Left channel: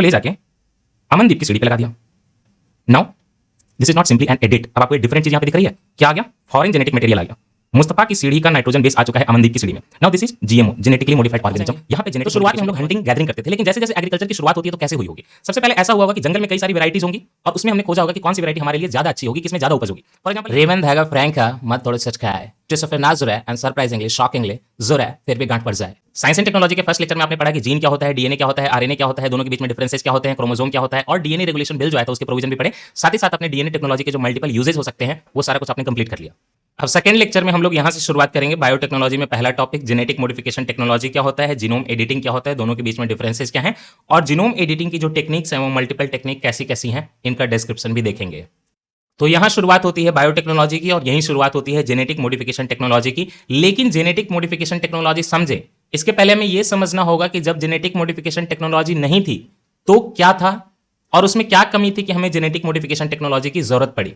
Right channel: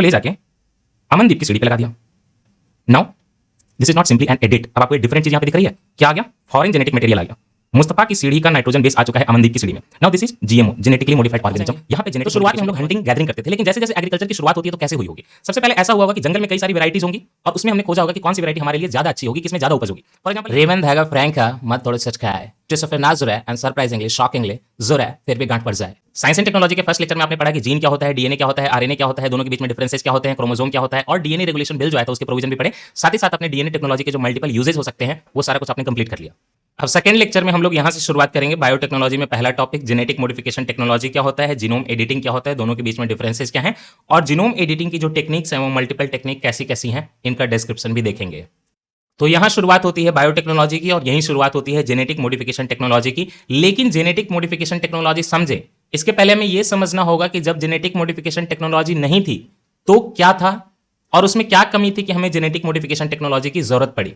इसको ले जाके अमनदीप की सीढ़ी पे लगा दिया। Now this is not simply an edit. अब आपको एक डिफरेंट चीज यहां पे दिख रही है, क्या आ गया? फॉरेन जेनेटिक मटेरियल आ गया। मुस्तफा की सीढ़ी का नाइट्रोजन बेस आ चुका है अमनदीप की सीढ़ी में। Now this is GMO, genetically modified organism. यहां पे तो शुरुआत में हम लोग हंटिंग गैदरिंग करते थे, लेकिन जैसे जैसे एग्रीकल्चर की शुरुआत होती है तो कैसे हुई होगी? सबसे पहले ऐसा हुआ होगा कि जंगल में कई सारी वैरायटीज होंगी और उसमें हमने खोजा होगा कि कौन सी वैरायटी हमारे लिए ज्यादा अच्छी होगी, किसमें ज्यादा उपज होगी। फॉर एग्जांपल Raymond हैगा फ्रैंका मत थोड़े सच खाया है क्रिस्टोफर नाजुर है एंड सरप्राइजिंगली शॉकिंगली जुर है फिर भी गांठ पड़ जाए। साइंस एंड टेक्नोलॉजी के फर्स्ट लेक्चर में आपने पढ़ा कि जीन क्या होता है, डीएनए क्या होता है, आरएनए क्या होता है, दोनों के बीच में डिफरेंसेस क्या होते हैं, क्रोमोसोम क्या होता है, और डीएनए रेगुलेशन बिल जो है तो उसके प्रोविजन भी पढ़े। साथ ही साथ अपने डीएनए टेक्नोलॉजी के जो मल्टीपल यूजेस हो सकते हैं वो सारा कुछ आपने कंप्लीट कर लिया। अब सेकंड लेक्चर में हम लोग यहां से शुरुआत करेंगे बायोटेक्नोलॉजी में। पहला टॉपिक जेनेटिक मॉडिफिकेशन टेक्नोलॉजी क्या होता है, जीनोम एडिटिंग क्या होता है, दोनों के बीच में डिफरेंसेस क्या हैं, और जीनोम एडिटिंग की जो टेक्निक्स हैं वो मल्टीपल टेक्निक कैसी कैसी हैं, इनका डिस्क्रिप्शन भी देखेंगे। तो यहां शुरुआत होती है बायोटेक्नोलॉजी की और यहीं शुरुआत होती है जेनेटिक मॉडिफिकेशन टेक्नोलॉजी की। लेकिन जेनेटिक मॉडिफिकेशन टेक्नोलॉजी समझे इसके पहले हमें यह समझना होगा कि जब जेनेटिक मॉडिफिकेशन टेक्नोलॉजी नहीं थी तो क्या था और उसमें क्या कमी थी कि हमें जेनेटिक मॉडिफिकेशन टेक्नोलॉजी की जरूरत पड़ी।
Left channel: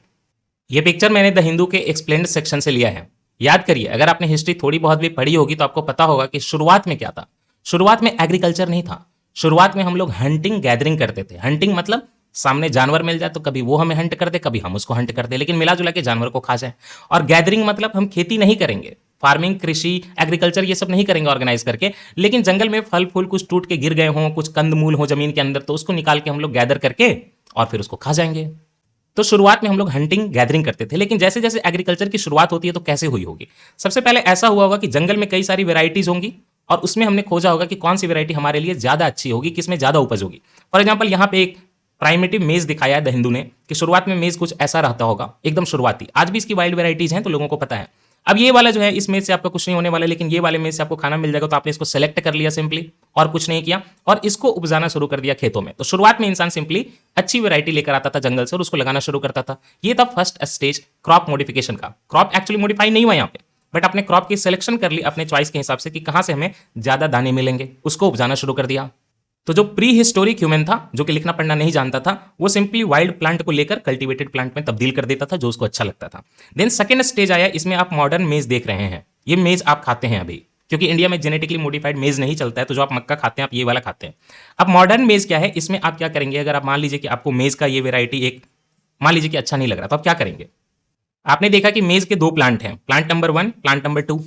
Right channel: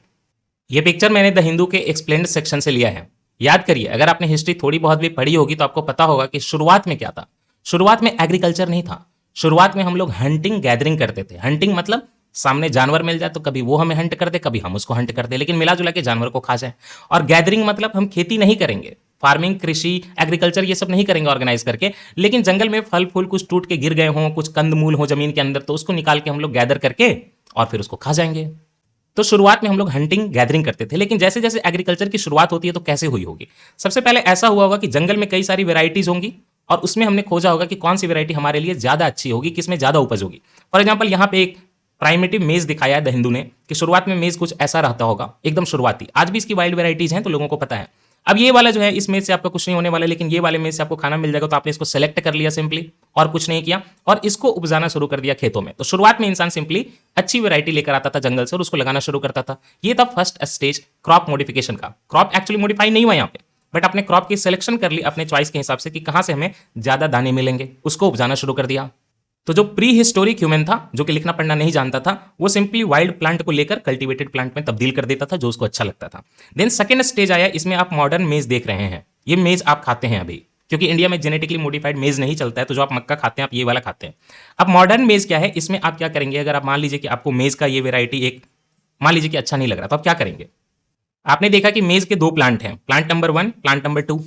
यह पिक्चर मैंने द हिंदू के एक्सप्लेन्ड सेक्शन से लिया है। याद करिए, अगर आपने हिस्ट्री थोड़ी बहुत भी पढ़ी होगी तो आपको पता होगा कि शुरुआत में क्या था। शुरुआत में एग्रीकल्चर नहीं था। शुरुआत में हम लोग हंटिंग गैदरिंग करते थे। हंटिंग मतलब सामने जानवर मिल जाए तो कभी वो हमें हंट कर दे, कभी हम उसको हंट कर दे, लेकिन मिला जुला के जानवर को खा जाए। और गैदरिंग मतलब हम खेती नहीं करेंगे, फार्मिंग, कृषि, एग्रीकल्चर ये सब नहीं करेंगे ऑर्गेनाइज करके, लेकिन जंगल में फल फूल कुछ टूट के गिर गए हों, कुछ कंदमूल हो जमीन के अंदर, तो उसको निकाल के हम लोग गैदर करके और फिर उसको खा जाएंगे। तो शुरुआत में हम लोग हंटिंग गैदरिंग करते थे, लेकिन जैसे जैसे एग्रीकल्चर की शुरुआत होती है तो कैसे हुई होगी? सबसे पहले ऐसा हुआ होगा कि जंगल में कई सारी वेराइटीज होंगी और उसमें हमने खोजा होगा कि कौन सी वेराइटी हमारे लिए ज्यादा अच्छी होगी, किसमें ज्यादा उपज होगी। फॉर एग्जाम्पल यहाँ पे एक प्राइमेटिव मेज दिखाया है द हिंदू ने कि शुरुआत में मेज कुछ ऐसा रहता होगा, एकदम शुरुआती। आज भी इसकी वाइल्ड वेराइटीज हैं तो लोगों को पता है। अब ये वाला जो है, इस मेज से आपका कुछ नहीं होने वाला, लेकिन ये वाले मेज से आपको खाना मिल जाएगा, तो आपने इसको सेलेक्ट कर लिया सिंपली और कुछ नहीं किया और इसको उपजाना शुरू कर दिया खेतों में। तो शुरुआत में इंसान सिंपली अच्छी वैरायटी लेकर आता था जंगल से और उसको लगाना शुरू करता था। ये था फर्स्ट स्टेज क्रॉप मॉडिफिकेशन का। क्रॉप एक्चुअली मॉडिफाई नहीं हुआ यहाँ पे, बट अपने क्रॉप की सिलेक्शन कर ली अपने चॉइस के हिसाब से कि कहां से हमें ज्यादा दाने मिलेंगे, उसको उपजाना शुरू कर दिया। तो जो प्री हिस्टोरिक ह्यूमन था, जो कि लिखना पढ़ना नहीं जानता था, वो सिंपली वाइल्ड प्लांट को लेकर कल्टीवेटेड प्लांट में तब्दील कर देता था जो उसको अच्छा लगता था। देन सेकंड स्टेज आया, इसमें आप मॉडर्न मेज देख रहे हैं। ये मेज आप खाते हैं अभी, क्योंकि इंडिया में जेनेटिकली मॉडिफाइड मेज नहीं चलता है, तो जो आप मक्का खाते हैं आप ये वाला खाते हैं। अब मॉडर्न मेज क्या है, इसमें आप क्या करेंगे? अगर आप मान लीजिए कि आपको मेज का ये वेराइटी एक मान लीजिए कि अच्छा नहीं लग रहा, तो आप क्या करेंगे? आपने देखा कि मेज के दो प्लांट हैं, प्लांट नंबर 1, प्लांट नंबर 2।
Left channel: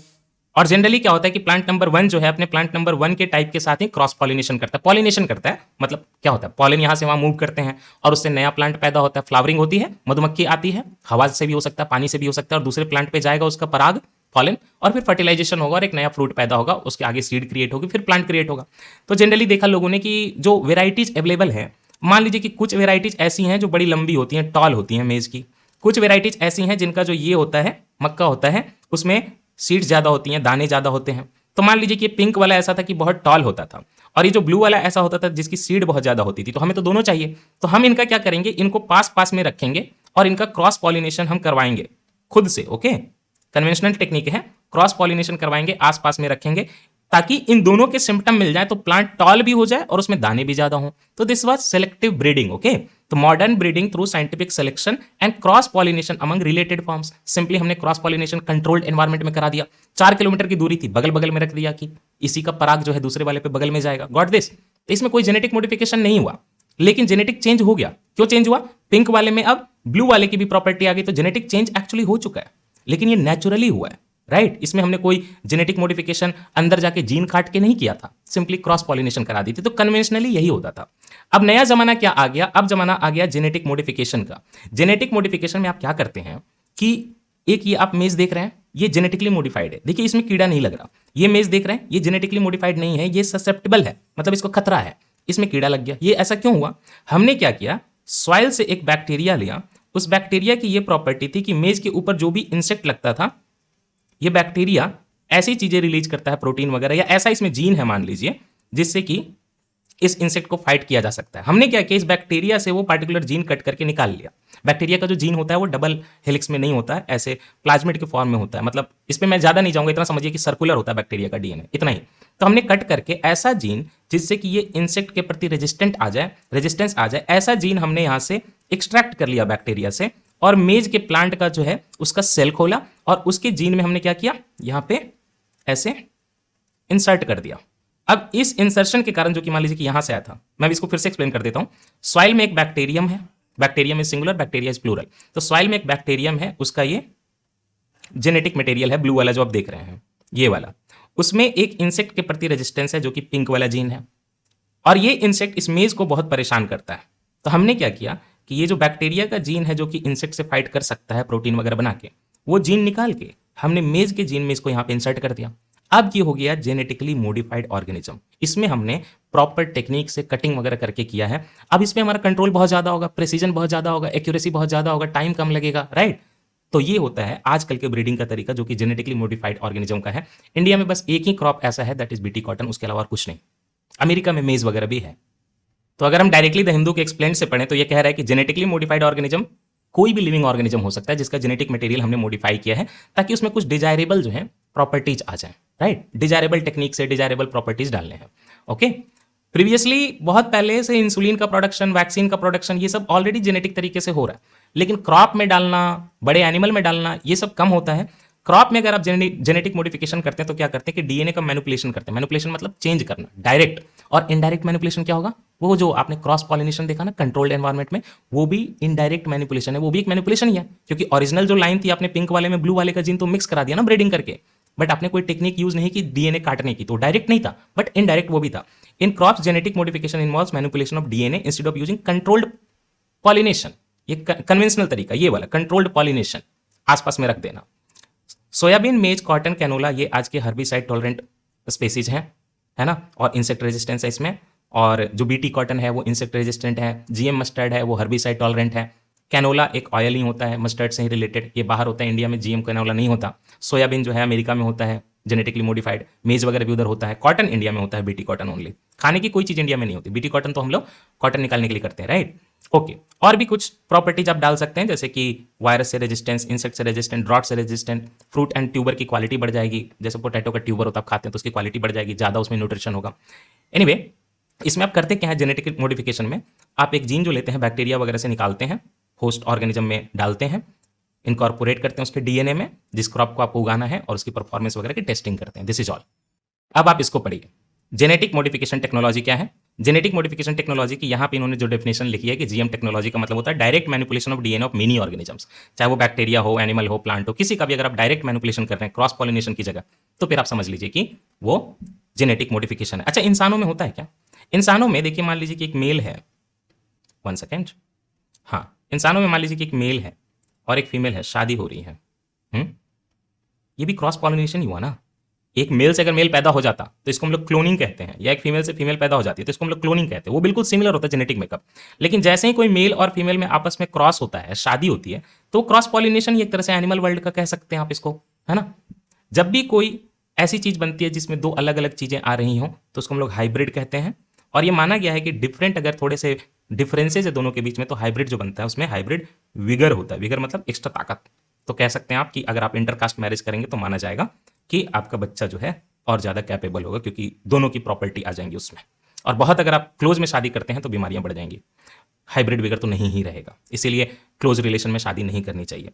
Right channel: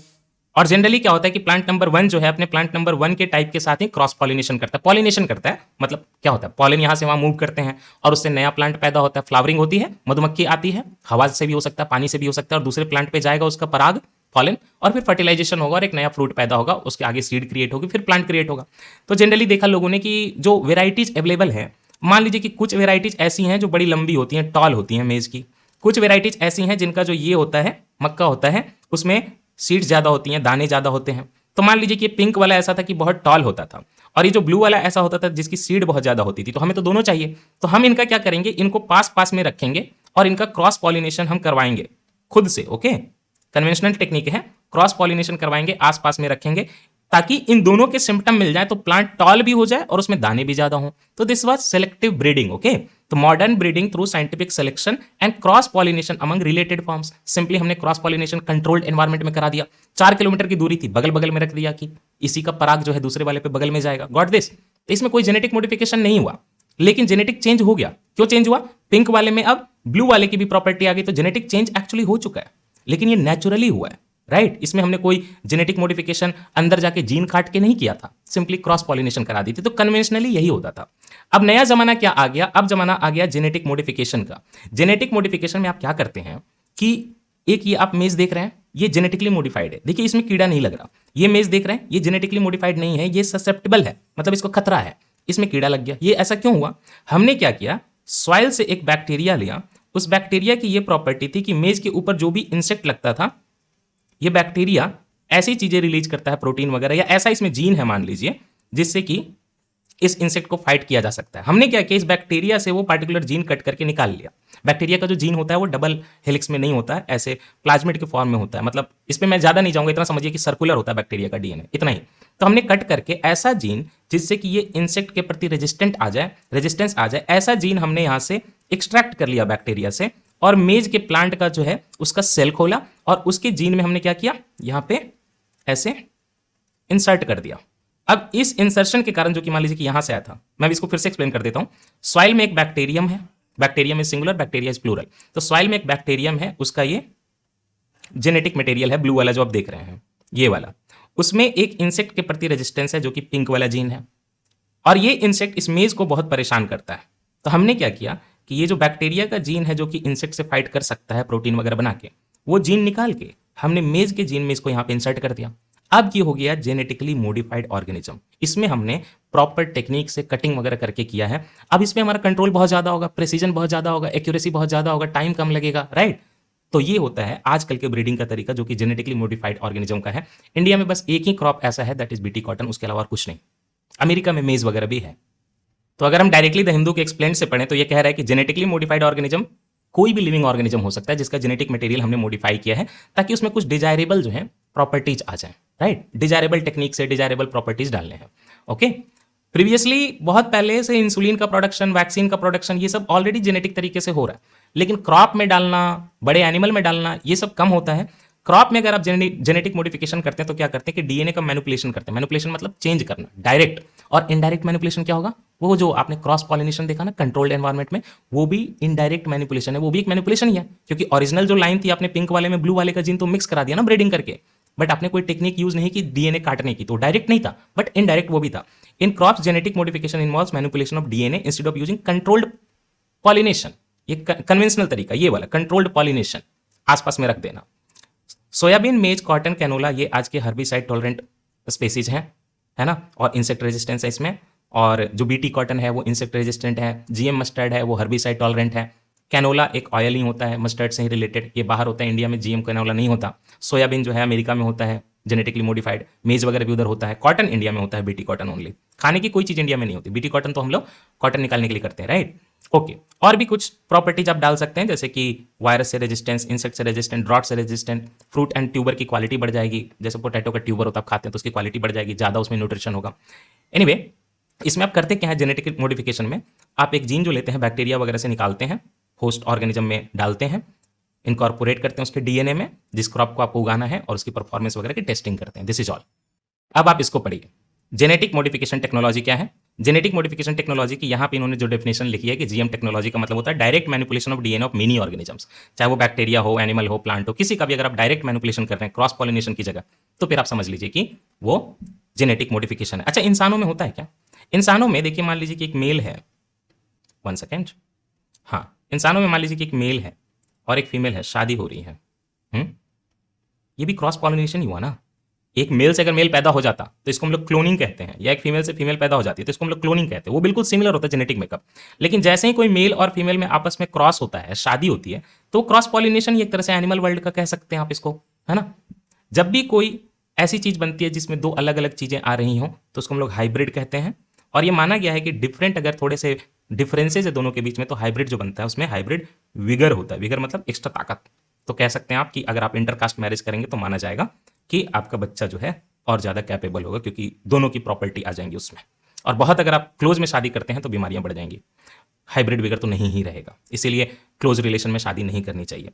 और जनरली क्या होता है कि प्लांट नंबर 1 जो है अपने प्लांट नंबर 1 के टाइप के साथ ही क्रॉस पॉलिनेशन करता है। पॉलिनेशन करता है मतलब क्या होता है, पॉलिन यहां से वहां मूव करते हैं और उससे नया प्लांट पैदा होता है, फ्लावरिंग होती है, मधुमक्खी आती है, हवा से भी हो सकता है, पानी से भी हो सकता है, और दूसरे प्लांट पे जाएगा उसका पराग, पॉलिन, और फिर फर्टिलाइजेशन होगा और एक नया फ्रूट पैदा होगा, उसके आगे सीड क्रिएट होगी, फिर प्लांट क्रिएट होगा। तो जनरली देखा लोगों ने कि जो वेराइटीज अवेलेबल है, मान लीजिए कि कुछ वेराइटीज ऐसी हैं जो बड़ी लंबी होती हैं, टॉल होती हैं मेज की। कुछ वेराइटीज ऐसी हैं जिनका जो ये होता है, मक्का होता है, उसमें सीड्स ज्यादा होती हैं, दाने ज्यादा होते हैं। तो मान लीजिए कि पिंक वाला ऐसा था कि बहुत टॉल होता था, और ये जो ब्लू वाला ऐसा होता था जिसकी सीड बहुत ज्यादा होती थी। तो हमें तो दोनों चाहिए, तो हम इनका क्या करेंगे, इनको पास पास में रखेंगे और इनका क्रॉस पॉलिनेशन हम करवाएंगे खुद से। ओके, कन्वेंशनल टेक्निक है, क्रॉस पॉलिनेशन करवाएंगे, आसपास में रखेंगे, ताकि इन दोनों के सिम्टम मिल जाए, तो प्लांट टॉल भी हो जाए और उसमें दाने भी ज्यादा हों। तो this was selective breeding. Okay, तो modern breeding through scientific selection and cross pollination among related forms. Simply हमने क्रॉस पॉलिनेशन कंट्रोल्ड एनवायरमेंट में करा दिया। 4 किलोमीटर की दूरी थी, बगल बगल में रख दिया कि इसी का पराग जो है दूसरे वाले पे बगल में जाएगा। Got this? तो इसमें कोई जेनेटिक मॉडिफिकेशन नहीं हुआ, लेकिन जेनेटिक चेंज हो गया। क्यों चेंज हुआ? पिंक वाले में अब ब्लू वाले की भी प्रॉपर्टी आ गई, तो जेनेटिक चेंज एक्चुअली हो चुका है, लेकिन ये नेचुरली हुआ है। राइट, इसमें हमने कोई जेनेटिक मॉडिफिकेशन अंदर जाके जीन काट के नहीं किया था, सिंपली क्रॉस पॉलिनेशन करा दी थी। तो कन्वेंशनली यही होता था। अब नया जमाना क्या आ गया? अब जमाना आ गया जेनेटिक मॉडिफिकेशन का। जेनेटिक मॉडिफिकेशन में आप क्या करते हैं कि एक ये आप मेज देख रहे हैं, ये जेनेटिकली मॉडिफाइड है। देखिए इसमें कीड़ा नहीं लग रहा। ये मेज देख रहे हैं, ये जेनेटिकली मॉडिफाइड नहीं है, ये ससेप्टेबल है, मतलब इसको खतरा है, इसमें कीड़ा लग गया। ये ऐसा क्यों हुआ? हमने क्या किया, सॉइल से एक बैक्टीरिया लिया। उस बैक्टीरिया की ये प्रॉपर्टी थी कि मेज के ऊपर जो भी इंसेक्ट लगता था, ये बैक्टीरिया ऐसी चीजें रिलीज करता है, प्रोटीन वगैरह, या ऐसा इसमें जीन है मान लीजिए, जिससे कि इस इंसेक्ट को फाइट किया जा सकता है। हमने क्या किया, इस बैक्टीरिया से वो पार्टिकुलर जीन कट करके निकाल लिया। बैक्टीरिया का जो जीन होता है वो डबल हेलिक्स में नहीं होता है, ऐसे प्लाज्मिड के फॉर्म में होता है। मतलब इसमें मैं ज्यादा नहीं जाऊंगा, इतना समझिए कि सर्कुलर होता है बैक्टीरिया का डीएनए, इतना ही। तो हमने कट करके ऐसा जीन जिससे कि ये इंसेक्ट के प्रति रेजिस्टेंस आ जाए, ऐसा जीन हमने यहां से एक्सट्रैक्ट कर लिया बैक्टीरिया से, और मेज के प्लांट का जो है उसका सेल खोला और उसके जीन में हमने क्या किया, यहां पे ऐसे इंसर्ट कर दिया। अब इस इंसर्शन के कारण जो कि मान लीजिए कि यहां से आया था, मैं इसको फिर से एक्सप्लेन कर देता हूं। सॉइल में एक बैक्टीरियम है, bacterium is singular, bacteria is plural. तो सॉइल में एक बैक्टीरियम है, उसका ये जेनेटिक मटेरियल है, ब्लू वाला जो आप देख रहे हैं, ये वाला। उसमें एक इंसेक्ट के प्रति रेजिस्टेंस है जो कि पिंक वाला जीन है, और ये इंसेक्ट इस मेज को बहुत परेशान करता है। तो हमने क्या किया कि ये जो बैक्टीरिया का जीन है जो कि इंसेक्ट से फाइट कर सकता है प्रोटीन वगैरह बना के, वो जीन निकाल के हमने मेज के जीन में इसको यहाँ पे इंसर्ट कर दिया। अब ये हो गया जेनेटिकली मॉडिफाइड ऑर्गेनिज्म। इसमें हमने प्रॉपर टेक्निक से कटिंग वगैरह करके किया है। अब इसमें हमारा कंट्रोल बहुत ज्यादा होगा, प्रेसिजन बहुत ज्यादा होगा, एक्यूरेसी बहुत ज्यादा होगा, टाइम कम लगेगा, राइट। तो ये होता है आजकल के ब्रीडिंग का तरीका जो कि जेनेटिकली मॉडिफाइड ऑर्गेनिज्म का है। इंडिया में बस एक ही क्रॉप ऐसा है, दैट इज बीटी कॉटन, उसके अलावा और कुछ नहीं। अमेरिका में मेज वगैरह भी है। तो अगर हम डायरेक्टली द हिंदू के एक्सप्लेन से पढ़ें तो ये कह रहा है कि जेनेटिकली मॉडिफाइड ऑर्गेनिज्म कोई भी लिविंग ऑर्गेनिज्म हो सकता है जिसका जेनेटिक मटेरियल हमने मॉडिफाई किया है ताकि उसमें कुछ डिजायरेबल जो है प्रॉपर्टीज आ जाए, राइट। डिजायरेबल टेक्निक से डिजायरेबल प्रॉपर्टीज डालने हैं, ओके। प्रीवियसली बहुत पहले से इंसुलिन का प्रोडक्शन, वैक्सीन का प्रोडक्शन, ये सब ऑलरेडी जेनेटिक तरीके से हो रहा है, लेकिन क्रॉप में डालना, बड़े एनिमल में डालना, ये सब कम होता है। क्रॉप में अगर आप जेनेटिक मॉडिफिकेशन करते हैं तो क्या करते हैं कि डीएनए का मैनिपुलेशन करते हैं। मैनिपुलेशन मतलब चेंज करना, डायरेक्ट। और इनडायरेक्ट मैनिपुलेशन क्या होगा? वो जो आपने क्रॉस पॉलिनेशन देखा ना कंट्रोल्ड एनवायरनमेंट में, वो भी इनडायरेक्ट मैनिपुलेशन है, वो भी एक मैनिपुलेशन ही है। क्योंकि ओरिजिनल जो लाइन थी आपने पिंक वाले में ब्लू वाले का जीन तो मिक्स करा दिया ना ब्रीडिंग करके, बट आपने कोई टेक्निक यूज नहीं की डीएनए काटने की, तो डायरेक्ट नहीं था बट इनडायरेक्ट वो भी था। In crops genetic modification involves manipulation of DNA instead of using controlled pollination. ये कन्वेंशनल तरीका, ये वाला कंट्रोल्ड पॉलिनेशन आसपास में रख देना। सोयाबीन, मेज, कॉटन, कैनोला, ये आज के हर्बिसाइड टॉलरेंट स्पेसीज हैं, है ना, और इंसेक्ट रेजिस्टेंस है इसमें। और जो बीटी कॉटन है वो इंसेक्ट रेजिस्टेंट है। जीएम मस्टर्ड है वो हर्बिसाइड टॉलरेंट है। कैनोला एक ऑयल ही होता है, मस्टर्ड से ही रिलेटेड, ये बाहर होता है, इंडिया में जीएम कैनोला नहीं होता। सोयाबीन जो है अमेरिका में होता है, जेनेटिकली मॉडिफाइड। मेज वगैरह भी उधर होता है। कॉटन इंडिया में होता है, बीटी कॉटन ओनली। खाने की कोई चीज इंडिया में नहीं होती। बीटी कॉटन तो हम लोग कॉटन निकालने के लिए करते हैं, राइट। ओके, और भी कुछ प्रॉपर्टीज आप डाल सकते हैं जैसे कि वायरस से रेजिस्टेंस, इंसेक्ट से रेजिस्टेंट, ड्रॉट से रेजिस्टेंट, फ्रूट एंड ट्यूबर की क्वालिटी बढ़ जाएगी। जैसे पोटैटो का ट्यूबर होता है, आप खाते हैं तो उसकी क्वालिटी बढ़ जाएगी, ज्यादा उसमें न्यूट्रिशन होगा। एनीवे, इसमें आप करते क्या है जेनेटिक मॉडिफिकेशन में, आप एक जीन जो लेते हैं बैक्टीरिया वगैरह से निकालते हैं, होस्ट ऑर्गेनिज्म में डालते हैं, इनकॉर्पोरेट करते हैं उसके डीएनए में जिस क्रॉप को आपको उगाना है, और उसकी परफॉर्मेंस वगैरह की टेस्टिंग करते हैं। This is all. अब आप इसको पढ़िए, जेनेटिक मॉडिफिकेशन टेक्नोलॉजी क्या है। जेनेटिक मॉडिफिकेशन टेक्नोलॉजी की यहाँ पे इन्होंने जो डेफिनेशन लिखी है कि जीएम टेक्नोलॉजी का मतलब होता है direct manipulation of DNA of many organisms. चाहे वो बैक्टीरिया हो, एनिमल हो, प्लांट हो, किसी का भी अगर आप डायरेक्ट मैनिपुलेशन कर रहे हैं क्रॉस पॉलिनेशन की जगह, तो फिर आप समझ लीजिए कि वो जेनेटिक मॉडिफिकेशन है। अच्छा, इंसानों में होता है क्या? इंसानों में देखिए, मान लीजिए कि एक मेल है, वन सेकेंड, हाँ, इंसानों में मान लीजिए कि एक मेल है और एक फीमेल है, शादी हो रही है। ये भी क्रॉस पॉलिनेशन ही हुआ ना। एक मेल से अगर मेल पैदा हो जाता तो इसको हम लोग क्लोनिंग कहते हैं, या एक फीमेल से फीमेल पैदा हो जाती है तो इसको हम लोग क्लोनिंग कहते हैं। वो बिल्कुल सिमिलर होता है जेनेटिक मेकअप। लेकिन जैसे ही कोई मेल और फीमेल में आपस में क्रॉस होता है, शादी होती है, तो क्रॉस पॉलिनेशन एक तरह से एनिमल वर्ल्ड का कह सकते हैं आप इसको, है ना। जब भी कोई ऐसी चीज बनती है जिसमें दो अलग अलग चीजें आ रही हों तो उसको हम लोग हाइब्रिड कहते हैं। और ये माना गया है कि डिफरेंट अगर थोड़े से डिफरेंसेज है दोनों के बीच में तो हाइब्रिड जो बनता है उसमें हाइब्रिड विगर होता है। विगर मतलब एक्स्ट्रा ताकत। तो कह सकते हैं आप कि अगर आप इंटरकास्ट मैरिज करेंगे तो माना जाएगा कि आपका बच्चा जो है और ज़्यादा कैपेबल होगा, क्योंकि दोनों की प्रॉपर्टी आ जाएंगी उसमें। और बहुत अगर आप क्लोज में शादी करते हैं तो बीमारियां बढ़ जाएंगी। हाइब्रिड विगर तो नहीं ही रहेगा, इसीलिए क्लोज रिलेशन में शादी नहीं करनी चाहिए।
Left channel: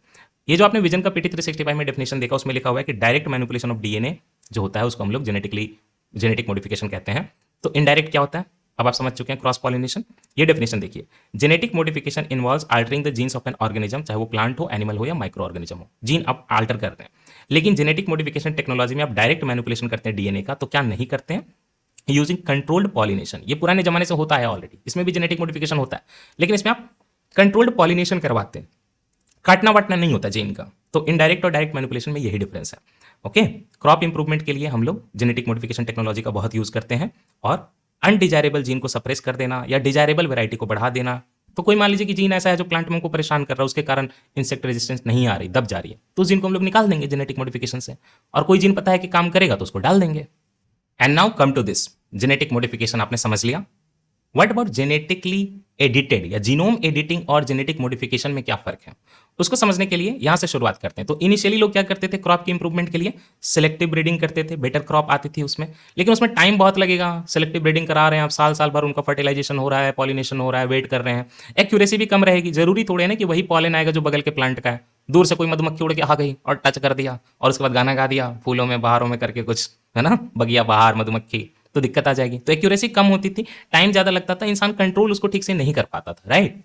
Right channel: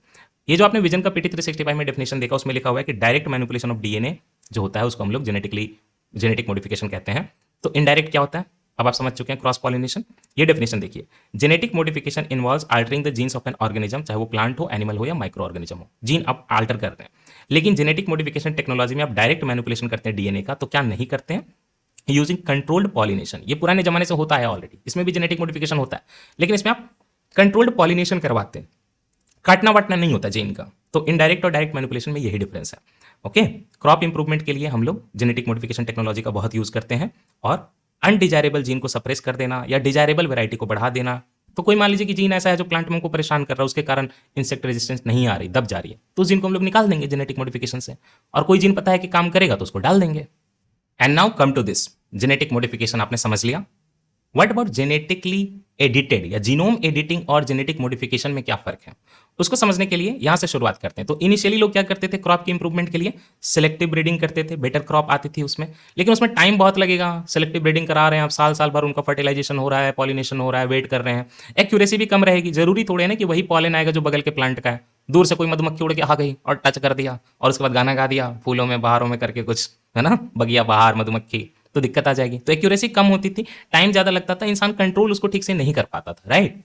ये जो आपने विजन का पीटी 365 में डेफिनेशन देखा, उसमें लिखा हुआ है कि डायरेक्ट मैनिपुलेशन ऑफ डीएनए जो होता है उसको हम लोग जेनेटिक मॉडिफिकेशन कहते हैं। तो इनडायरेक्ट क्या होता है अब आप समझ चुके हैं, क्रॉस पॉलिनेशन। ये डेफिनेशन देखिए, genetic modification involves altering the jeans of an organism, चाहे वो प्लांट हो, एनिमल हो या माइक्रो ऑर्गेनिज्म हो, जीन आप अल्टर करते हैं। लेकिन जेनेटिक मॉडिफिकेशन टेक्नोलॉजी में आप डायरेक्ट मैनिपुलेशन करते हैं डीएनए का, तो क्या नहीं करते हैं? Using controlled pollination. ये पुराने जमाने से होता है ऑलरेडी, इसमें भी जेनेटिक मॉडिफिकेशन होता है, लेकिन इसमें आप कंट्रोल्ड पॉलिनेशन करवाते हैं, काटना वाटना नहीं होता जीन का। तो इनडायरेक्ट और डायरेक्ट मैनिपुलेशन में यही डिफरेंस है। ओके, क्रॉप इंप्रूवमेंट के लिए हम लोग जेनेटिक मॉडिफिकेशन टेक्नोलॉजी का बहुत यूज करते हैं, और अनडिजायरेबल जीन को सप्रेस कर देना या डिजायरेबल वैरायटी को बढ़ा देना। तो कोई मान लीजिए कि जीन ऐसा है जो प्लांट में को परेशान कर रहा है, उसके कारण इंसेक्ट रेजिस्टेंस नहीं आ रही, दब जा रही है, तो उस जीन को हम लोग निकाल देंगे जेनेटिक मॉडिफिकेशन से। और कोई जीन पता है कि काम करेगा तो उसको डाल देंगे। And now come to this, genetic modification आपने समझ लिया। व्हाट अबाउट जेनेटिकली एडिटेड या जीनोम एडिटिंग और जेनेटिक मॉडिफिकेशन में क्या फर्क है, उसको समझने के लिए यहां से शुरुआत करते हैं। तो इनिशियली लोग क्या करते थे, क्रॉप की इंप्रूवमेंट के लिए सिलेक्टिव ब्रीडिंग करते थे, बेटर क्रॉप आती थी उसमें, लेकिन उसमें टाइम बहुत लगेगा। सिलेक्टिव ब्रीडिंग करा रहे हैं आप, साल साल भर उनका फर्टिलाइजेशन हो रहा है, पॉलिनेशन हो रहा है, वेट कर रहे हैं, एक्यूरेसी भी कम रहेगी। जरूरी थोड़े ना कि वही पॉलन आएगा जो बगल के प्लांट का है। दूर से कोई मधुमक्खी उड़ के आ गई और टच कर दिया और उसके बाद गाना गा दिया, फूलों में बहारों में करके कुछ, है ना, बगिया बहार मधुमक्खी, तो दिक्कत आ जाएगी। तो एक्यूरेसी कम होती थी, टाइम ज़्यादा लगता था, इंसान कंट्रोल उसको ठीक से नहीं कर पाता था, राइट।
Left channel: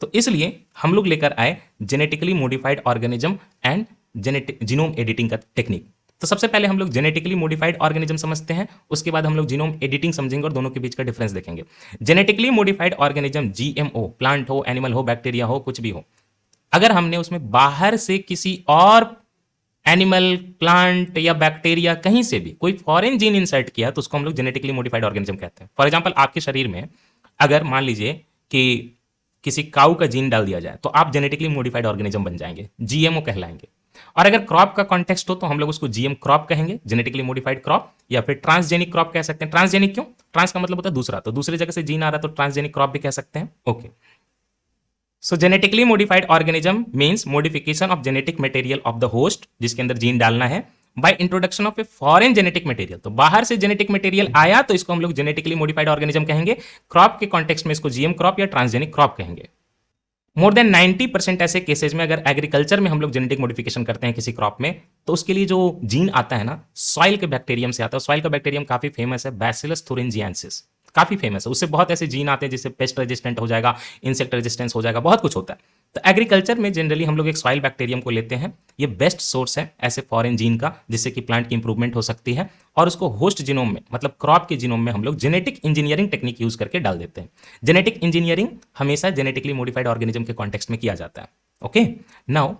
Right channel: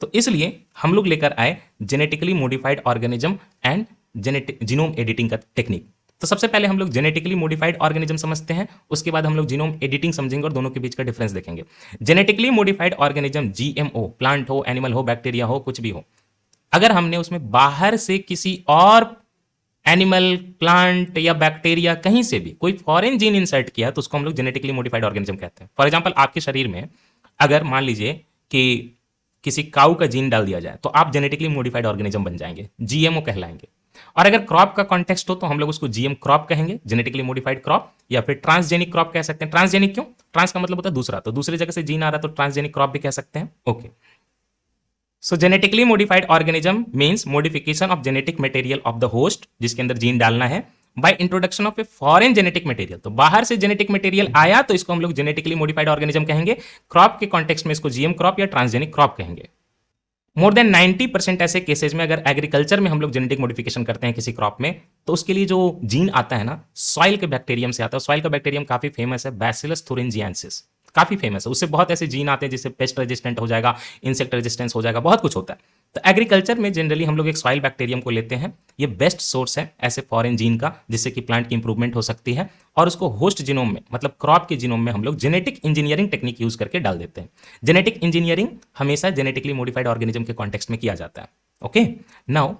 तो इसलिए हम लोग लेकर आए genetically modified organism and genetic genome editing का टेक्निक। तो सबसे पहले हम लोग जेनेटिकली मॉडिफाइड ऑर्गेनिज्म समझते हैं, उसके बाद हम लोग जीनोम एडिटिंग समझेंगे और दोनों के बीच का डिफरेंस देखेंगे। Genetically modified organism, GMO, plant हो, एनिमल हो, बैक्टीरिया हो, कुछ भी हो, अगर हमने उसमें बाहर से किसी और एनिमल, प्लांट या बैक्टीरिया कहीं से भी कोई फॉरेन जीन इंसर्ट किया तो उसको हम लोग जेनेटिकली मॉडिफाइड ऑर्गेनिज्म कहते हैं। फॉर एग्जांपल आपके शरीर में अगर मान लीजिए कि किसी काऊ का जीन डाल दिया जाए तो आप जेनेटिकली मॉडिफाइड ऑर्गेनिज्म बन जाएंगे, जीएमओ कहलाएंगे। और अगर क्रॉप का कॉन्टेक्स्ट हो तो हम लोग उसको जीएम क्रॉप कहेंगे, जेनेटिकली मॉडिफाइड क्रॉप, या फिर ट्रांसजेनिक क्रॉप कह सकते हैं। ट्रांसजेनिक क्यों? ट्रांस का मतलब होता है दूसरा, तो दूसरी जगह से जीन आ रहा है तो ट्रांसजेनिक क्रॉप भी कह सकते हैं। Okay, so genetically modified organism means modification of genetic material of the host, जिसके अंदर जीन डालना है, by introduction of a foreign genetic material. तो बाहर से जेनेटिक मटेरियल आया तो इसको हम लोग जेनेटिकली मॉडिफाइड ऑर्गेनिज्म कहेंगे। क्रॉप के कॉन्टेक्स्ट में इसको जीएम क्रॉप या ट्रांसजेनिक क्रॉप कहेंगे। मोर देन 90% ऐसे केसेस में अगर एग्रीकल्चर में हम लोग जेनेटिक मॉडिफिकेशन करते हैं किसी क्रॉप में, तो उसके लिए जो जीन आता है ना, सॉइल के बैक्टीरियम से आता है। सॉइल का बैक्टीरियम काफी फेमस है, बैसिलस thuringiensis, काफी फेमस है। उससे बहुत ऐसे जीन आते हैं जिससे पेस्ट रेजिस्टेंट हो जाएगा, इंसेक्ट रेजिस्टेंस हो जाएगा, बहुत कुछ होता है। तो एग्रीकल्चर में जनरली हम लोग एक सॉइल बैक्टीरियम को लेते हैं, ये बेस्ट सोर्स है ऐसे फॉरेन जीन का, जिससे कि प्लांट की इंप्रूवमेंट हो सकती है, और उसको होस्ट जीनोम में मतलब क्रॉप के जीनोम में हम लोग जेनेटिक इंजीनियरिंग टेक्निक यूज करके डाल देते हैं। जेनेटिक इंजीनियरिंग हमेशा जेनेटिकली मॉडिफाइड ऑर्गेनिज्म के कॉन्टेक्स्ट में किया जाता है। Okay, now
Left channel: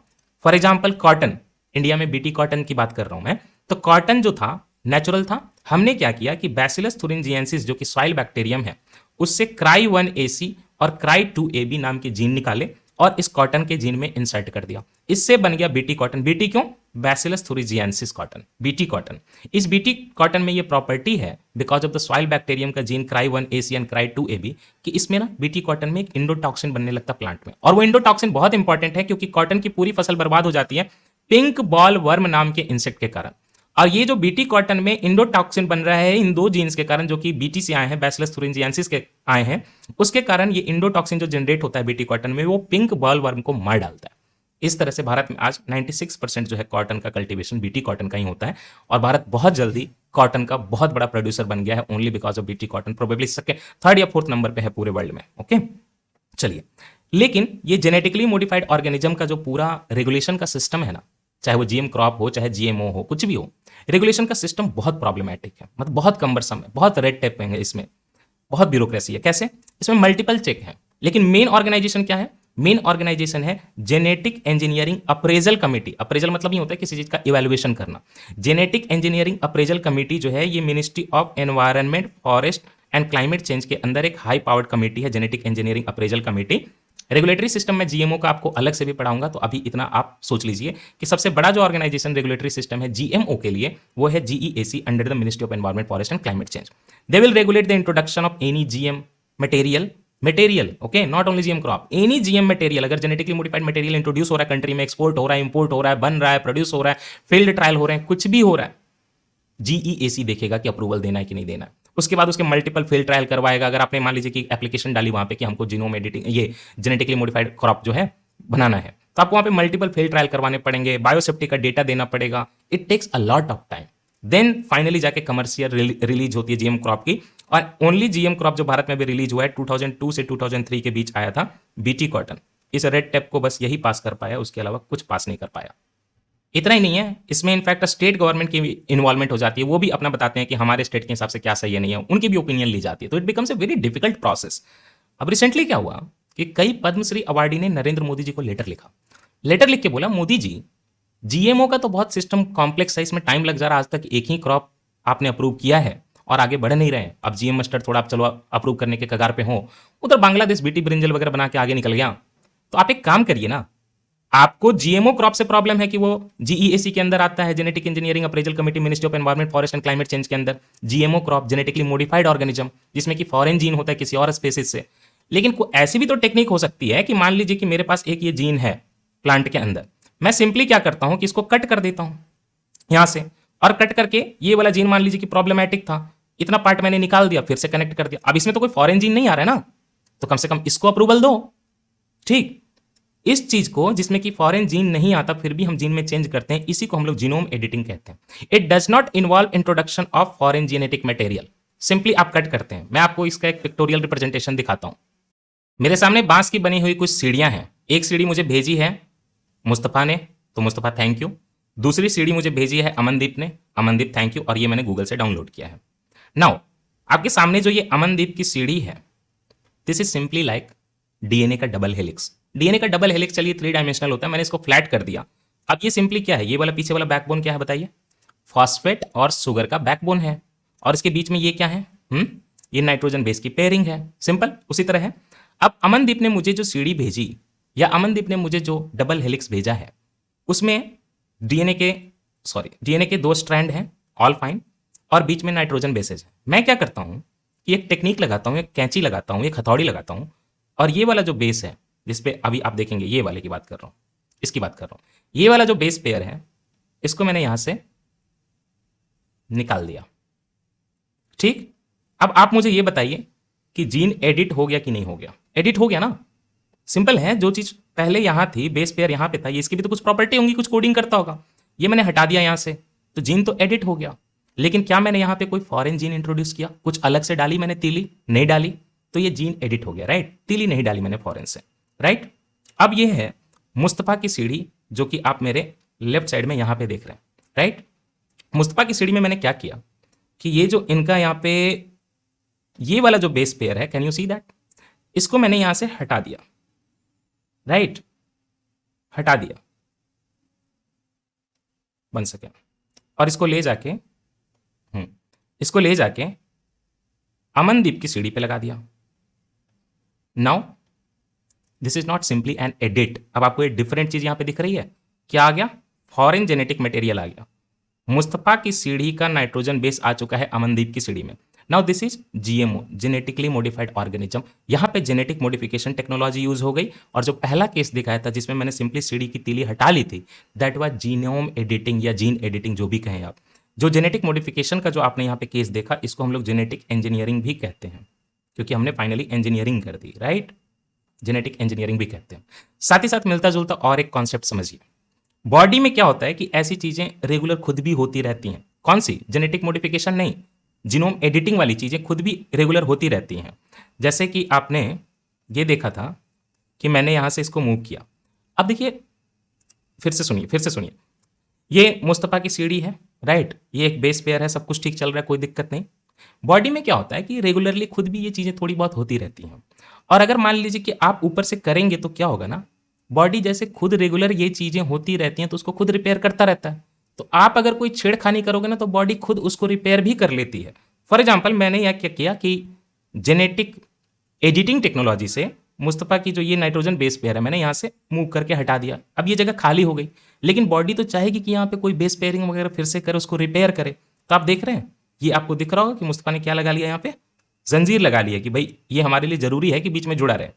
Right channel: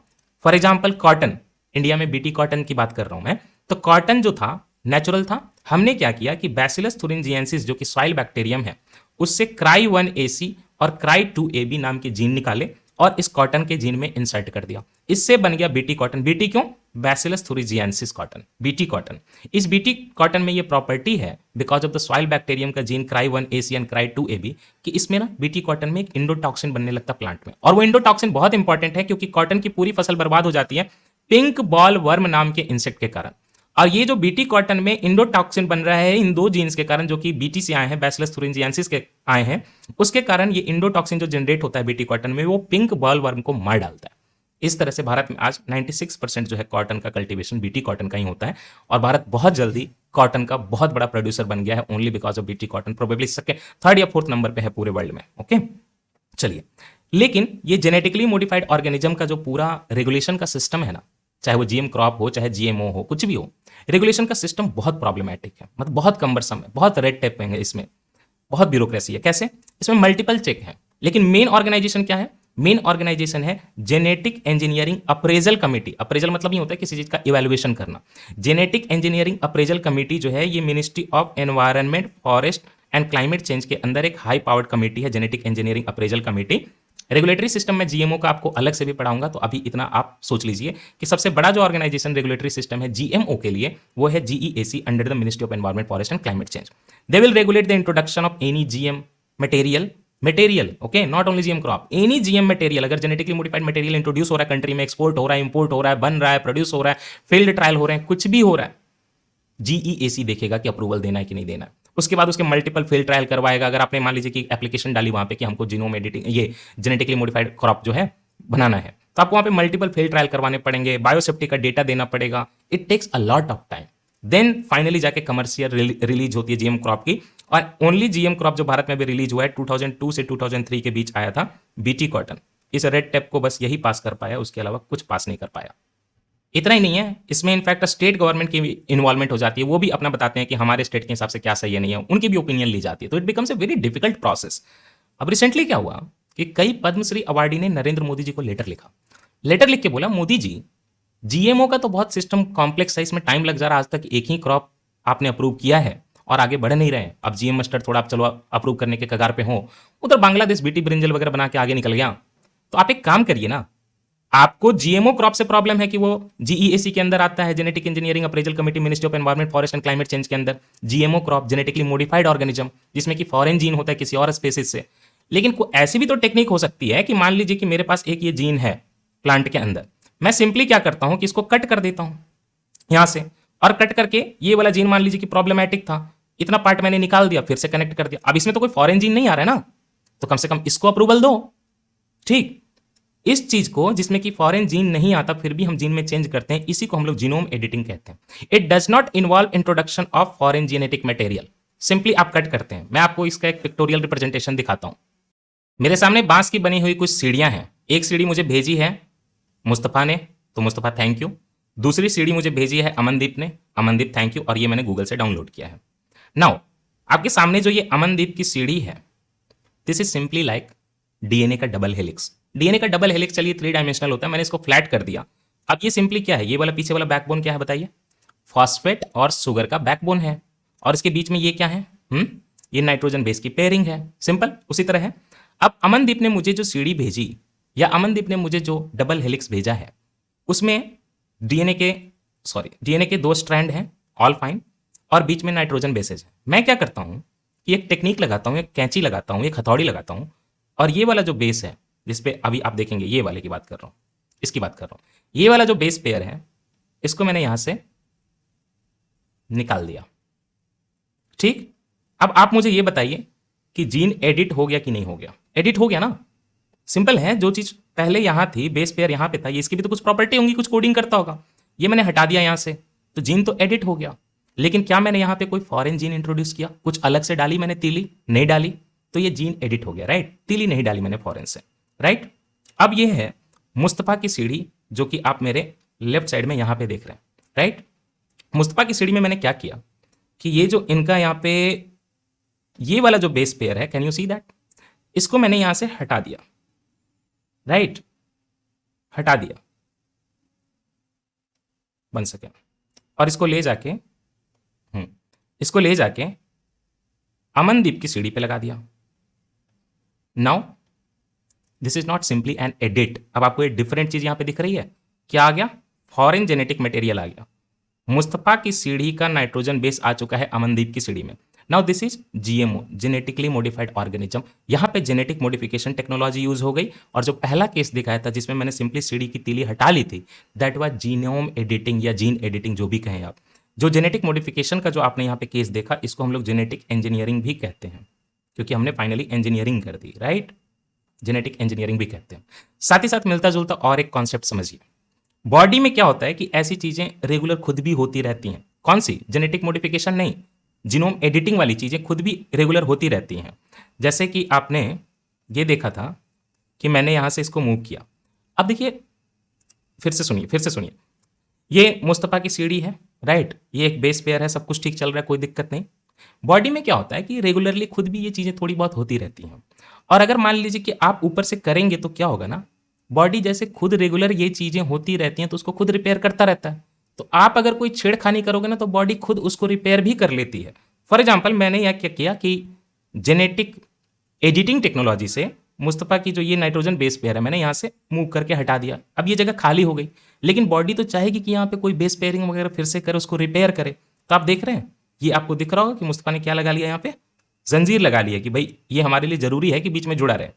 for example cotton, India में बीटी कॉटन की बात कर रहा हूं मैं। तो कॉटन जो था नेचुरल था, हमने क्या किया कि बैसिलस thuringiensis जो कि सॉइल बैक्टीरियम है, उससे cry1AC और cry2AB नाम के जीन निकाले और इस कॉटन के जीन में इंसर्ट कर दिया। इससे बन गया बीटी कॉटन। बीटी क्यों? Bacillus thuringiensis cotton, BT cotton. इस बीटी कॉटन में ये प्रॉपर्टी है because of the soil bacterium का जीन cry1AC एंड cry2AB कि इसमें ना बीटी कॉटन में एक इंडोटॉक्सिन बनने लगता प्लांट में, और वो इंडोटॉक्सिन बहुत इंपॉर्टेंट है क्योंकि कॉटन की पूरी फसल बर्बाद हो जाती है पिंक बॉल वर्म नाम के इंसेक्ट के कारण। और ये जो बीटी कॉटन में इंडोटॉक्सिन बन रहा है इन दो जीन्स के कारण, जो कि बीटी से आए हैं, बैसिलस thuringiensis के आए हैं, उसके कारण ये इंडोटॉक्सिन जो जनरेट होता है बीटी कॉटन में, वो पिंक बॉल वर्म को मार डालता है। इस तरह से भारत में आज 96% जो है कॉटन का कल्टीवेशन बीटी कॉटन का ही होता है, और भारत बहुत जल्दी कॉटन का बहुत बड़ा प्रोड्यूसर बन गया है only because of BT cotton. Probably सबके 3rd या 4th नंबर पे है पूरे वर्ल्ड में। ओके, चलिए, लेकिन ये जेनेटिकली मॉडिफाइड ऑर्गेनिज्म का जो पूरा रेगुलेशन का सिस्टम है ना, चाहे वो जीएम क्रॉप हो चाहे जीएमओ हो, कुछ भी हो, रेगुलेशन का सिस्टम बहुत प्रॉब्लमैटिक है, मतलब बहुत कम्बरसम है, बहुत रेड टेप है इसमें, बहुत ब्यूरोक्रेसी है। कैसे? इसमें मल्टीपल चेक है, लेकिन मेन ऑर्गेनाइजेशन क्या है? मेन ऑर्गेनाइजेशन है genetic engineering appraisal committee. Appraisal मतलब ये होता है किसी चीज का इवैल्यूएशन करना। जेनेटिक इंजीनियरिंग अप्रेजल कमेटी जो है, ये ministry of environment, forest and climate change के अंदर एक हाई पावर्ड कमेटी है, genetic engineering appraisal committee. Regulatory system में जीएमओ का आपको अलग से भी पढ़ाऊंगा, तो अभी इतना आप सोच लीजिए कि सबसे बड़ा जो ऑर्गेनाइजेशन रेगुलेटरी सिस्टम है जीएमओ के लिए, वो है GEAC, under the ministry of environment, forest and climate change. They will regulate the introduction of any GM material, okay, not only GM crop, any GM material. अगर genetically modified material introduce हो रहा है country में, export हो रहा है, import हो रहा है, बन रहा है, प्रोड्यूस हो रहा है, फील्ड ट्रायल हो रहे हैं, कुछ भी हो रहा है, जीईएसी देखेगा कि अप्रूवल देना है कि नहीं देना है। उसके बाद उसके मल्टीपल फील्ड ट्रायल करवाएगा। अगर आपने मान लीजिए कि एप्लीकेशन डाली वहां पे कि हमको जीनोम एडिटिंग, ये जेनेटिकली मॉडिफाइड क्रॉप जो है बनाना है, तो आपको वहां पे मल्टीपल फील्ड ट्रायल करवाने पड़ेंगे, बायोसेफ्टी का डेटा देना पड़ेगा। It takes a lot of time. Then finally जाके कमर्शियल रिलीज होती है जीएम क्रॉप की। और ओनली जीएम क्रॉप जो भारत में भी रिलीज हुआ है 2002 से 2003 के बीच आया था, बीटी कॉटन। इस रेड टेप को बस यही पास कर पाया, उसके अलावा कुछ पास नहीं कर पाया। इतना ही नहीं है, इसमें इनफैक्ट स्टेट गवर्नमेंट की इन्वॉल्वमेंट हो जाती है, वो भी अपना बताते हैं कि हमारे स्टेट के हिसाब से क्या सही है नहीं है, उनकी भी ओपिनियन ली जाती है। तो it becomes a very difficult process. अब रिसेंटली क्या हुआ कि कई पद्मश्री अवार्डी ने नरेंद्र मोदी जी को लेटर लिखा। लेटर लिख के बोला, मोदी जी, जीएमओ का तो बहुत सिस्टम कॉम्प्लेक्स है, इसमें टाइम लग जा रहा है, आज तक एक ही क्रॉप आपने अप्रूव किया है और आगे बढ़ नहीं रहे। अब जीएम मस्टर्ड थोड़ा आप चलो अप्रूव करने के कगार पे हो, उधर बांग्लादेश बीटी ब्रिंजल वगैरह बना के आगे निकल गया। तो आप एक काम करिए ना, आपको जीएमओ क्रॉप से प्रॉब्लम है कि वो जीईएसी के अंदर आता है, genetic engineering appraisal committee, ministry of environment, forest and climate change के अंदर। GMO crop genetically modified organism, जिसमें कि फॉरेन जीन होता है किसी और स्पेसिस से। लेकिन ऐसी भी तो टेक्निक हो सकती है कि मान लीजिए कि मेरे पास एक ये जीन है प्लांट के अंदर, मैं सिंपली क्या करता हूं कि इसको कट कर देता हूं यहां से, और कट करके ये वाला जीन मान लीजिए कि प्रॉब्लमैटिक था, इतना पार्ट मैंने निकाल दिया, फिर से कनेक्ट कर दिया। अब इसमें तो कोई फॉरेन जीन नहीं आ रहा है ना, तो कम से कम इसको अप्रूवल दो। ठीक, इस चीज को जिसमें कि फॉरेन जीन नहीं आता फिर भी हम जीन में चेंज करते हैं, इसी को हम लोग जीनोम एडिटिंग कहते हैं। It does not involve introduction of foreign genetic material. Simply आप कट करते हैं। मैं आपको इसका एक पिक्टोरियल रिप्रेजेंटेशन दिखाता हूं। मेरे सामने बांस की बनी हुई कुछ सीढ़ियां हैं। एक सीढ़ी मुझे भेजी है मुस्तफ़ा ने, तो मुस्तफ़ा थैंक यू। दूसरी सीढ़ी मुझे भेजी है अमनदीप ने, अमनदीप थैंक यू, और ये मैंने गूगल से डाउनलोड किया है। नाउ आपके सामने जो ये अमनदीप की सीढ़ी है, this is simply like DNA का डबल हेलिक्स। डीएनए का डबल हेलिक्स चलिए 3 डायमेंशनल होता है, मैंने इसको फ्लैट कर दिया। अब ये सिंपली क्या है, ये वाला पीछे वाला बैकबोन क्या है बताइए? फॉस्फेट और शुगर का बैकबोन है, और इसके बीच में ये क्या है? ये नाइट्रोजन बेस की पेयरिंग है। सिंपल उसी तरह है। अब अमनदीप ने मुझे जो सीढ़ी भेजी, या अमनदीप ने मुझे जो डबल हेलिक्स भेजा है, उसमें डीएनए के 2 स्ट्रैंड हैं, ऑल फाइन, और बीच में नाइट्रोजन बेसेज है। मैं क्या करता हूं कि एक टेक्निक लगाता हूं, एक कैंची लगाता हूं, एक हथौड़ी लगाता हूं, और ये वाला जो बेस है, जिसपे अभी आप देखेंगे, ये वाले की बात कर रहा हूं, इसकी बात कर रहा हूं, ये वाला जो बेस पेयर है, इसको मैंने यहां से निकाल दिया। ठीक। अब आप मुझे ये बताइए कि जीन एडिट हो गया कि नहीं हो गया? एडिट हो गया ना। सिंपल है, जो चीज पहले यहां थी, बेस पेयर यहां पे था, ये इसकी भी तो कुछ प्रॉपर्टी होंगी, कुछ कोडिंग करता होगा। ये मैंने हटा दिया यहां से, तो जीन तो एडिट हो गया। लेकिन क्या मैंने यहां पे कोई फॉरेन जीन इंट्रोड्यूस किया? कुछ अलग से डाली मैंने तीली? नहीं डाली, तो ये जीन एडिट हो गया, राइट। तीली नहीं डाली मैंने फॉरेन से, राइट। अब ये है मुस्तफा की सीढ़ी, जो कि आप मेरे लेफ्ट साइड में यहां पे देख रहे हैं, राइट। मुस्तफा की सीढ़ी में मैंने क्या किया कि ये जो इनका यहाँ पे ये वाला जो बेस पेयर है, कैन यू सी दैट, इसको मैंने यहां से हटा दिया, राइट, हटा दिया 1 सेकेंड, और इसको ले जाके अमनदीप की सीढ़ी पे लगा दिया। Now this is not simply an edit. अब आपको एक डिफरेंट चीज यहां पे दिख रही है, क्या आ गया? फॉरेन जेनेटिक मटेरियल आ गया। मुस्तफा की सीढ़ी का नाइट्रोजन बेस आ चुका है अमनदीप की सीढ़ी में। Now this is GMO, genetically modified organism. यहां पे जेनेटिक मॉडिफिकेशन टेक्नोलॉजी यूज हो गई, और जो पहला केस दिखाया था जिसमें मैंने सिंपली सीढ़ी की तीली हटा ली थी, दैट वाज जीनोम एडिटिंग या जीन एडिटिंग, जो भी कहें आप। जो जेनेटिक मॉडिफिकेशन का जो आपने यहाँ पे केस देखा, इसको हम लोग जेनेटिक इंजीनियरिंग भी कहते हैं, क्योंकि हमने फाइनली इंजीनियरिंग कर दी, राइट। जेनेटिक इंजीनियरिंग भी कहते हैं। साथ ही साथ मिलता जुलता और एक कॉन्सेप्ट समझिए। बॉडी में क्या होता है कि ऐसी चीजें रेगुलर खुद भी होती रहती हैं। कौन सी? जेनेटिक मॉडिफिकेशन नहीं, जीनोम एडिटिंग वाली चीजें खुद भी रेगुलर होती रहती हैं। जैसे कि आपने ये देखा था कि मैंने यहां से इसको मूव किया। अब देखिए, फिर से सुनिए, ये मुस्तफा की सीढ़ी है, राइट। ये एक बेस पेयर है, सब कुछ ठीक चल रहा है, कोई दिक्कत नहीं। बॉडी में क्या होता है कि रेगुलरली खुद भी ये चीजें थोड़ी बहुत होती रहती हैं, और अगर मान लीजिए कि आप ऊपर से करेंगे तो क्या होगा ना, बॉडी जैसे खुद रेगुलर ये चीजें होती रहती हैं तो उसको खुद रिपेयर करता रहता है। तो आप अगर कोई छेड़खानी करोगे ना, तो बॉडी खुद उसको रिपेयर भी कर लेती है। फॉर एग्जाम्पल, मैंने यह क्या किया कि जेनेटिक एडिटिंग टेक्नोलॉजी से मुस्तफा की जो ये नाइट्रोजन बेस पेयर है, मैंने यहाँ से मूव करके हटा दिया। अब ये जगह खाली हो गई, लेकिन बॉडी तो चाहेगी कि यहाँ पे कोई बेस पेयरिंग वगैरह फिर से करे, उसको रिपेयर करे। तो आप देख रहे हैं, ये आपको दिख रहा होगा कि मुस्तफा ने क्या लगा लिया, यहाँ पे जंजीर लगा लिया कि भाई ये हमारे लिए जरूरी है कि बीच में जुड़ा रहे,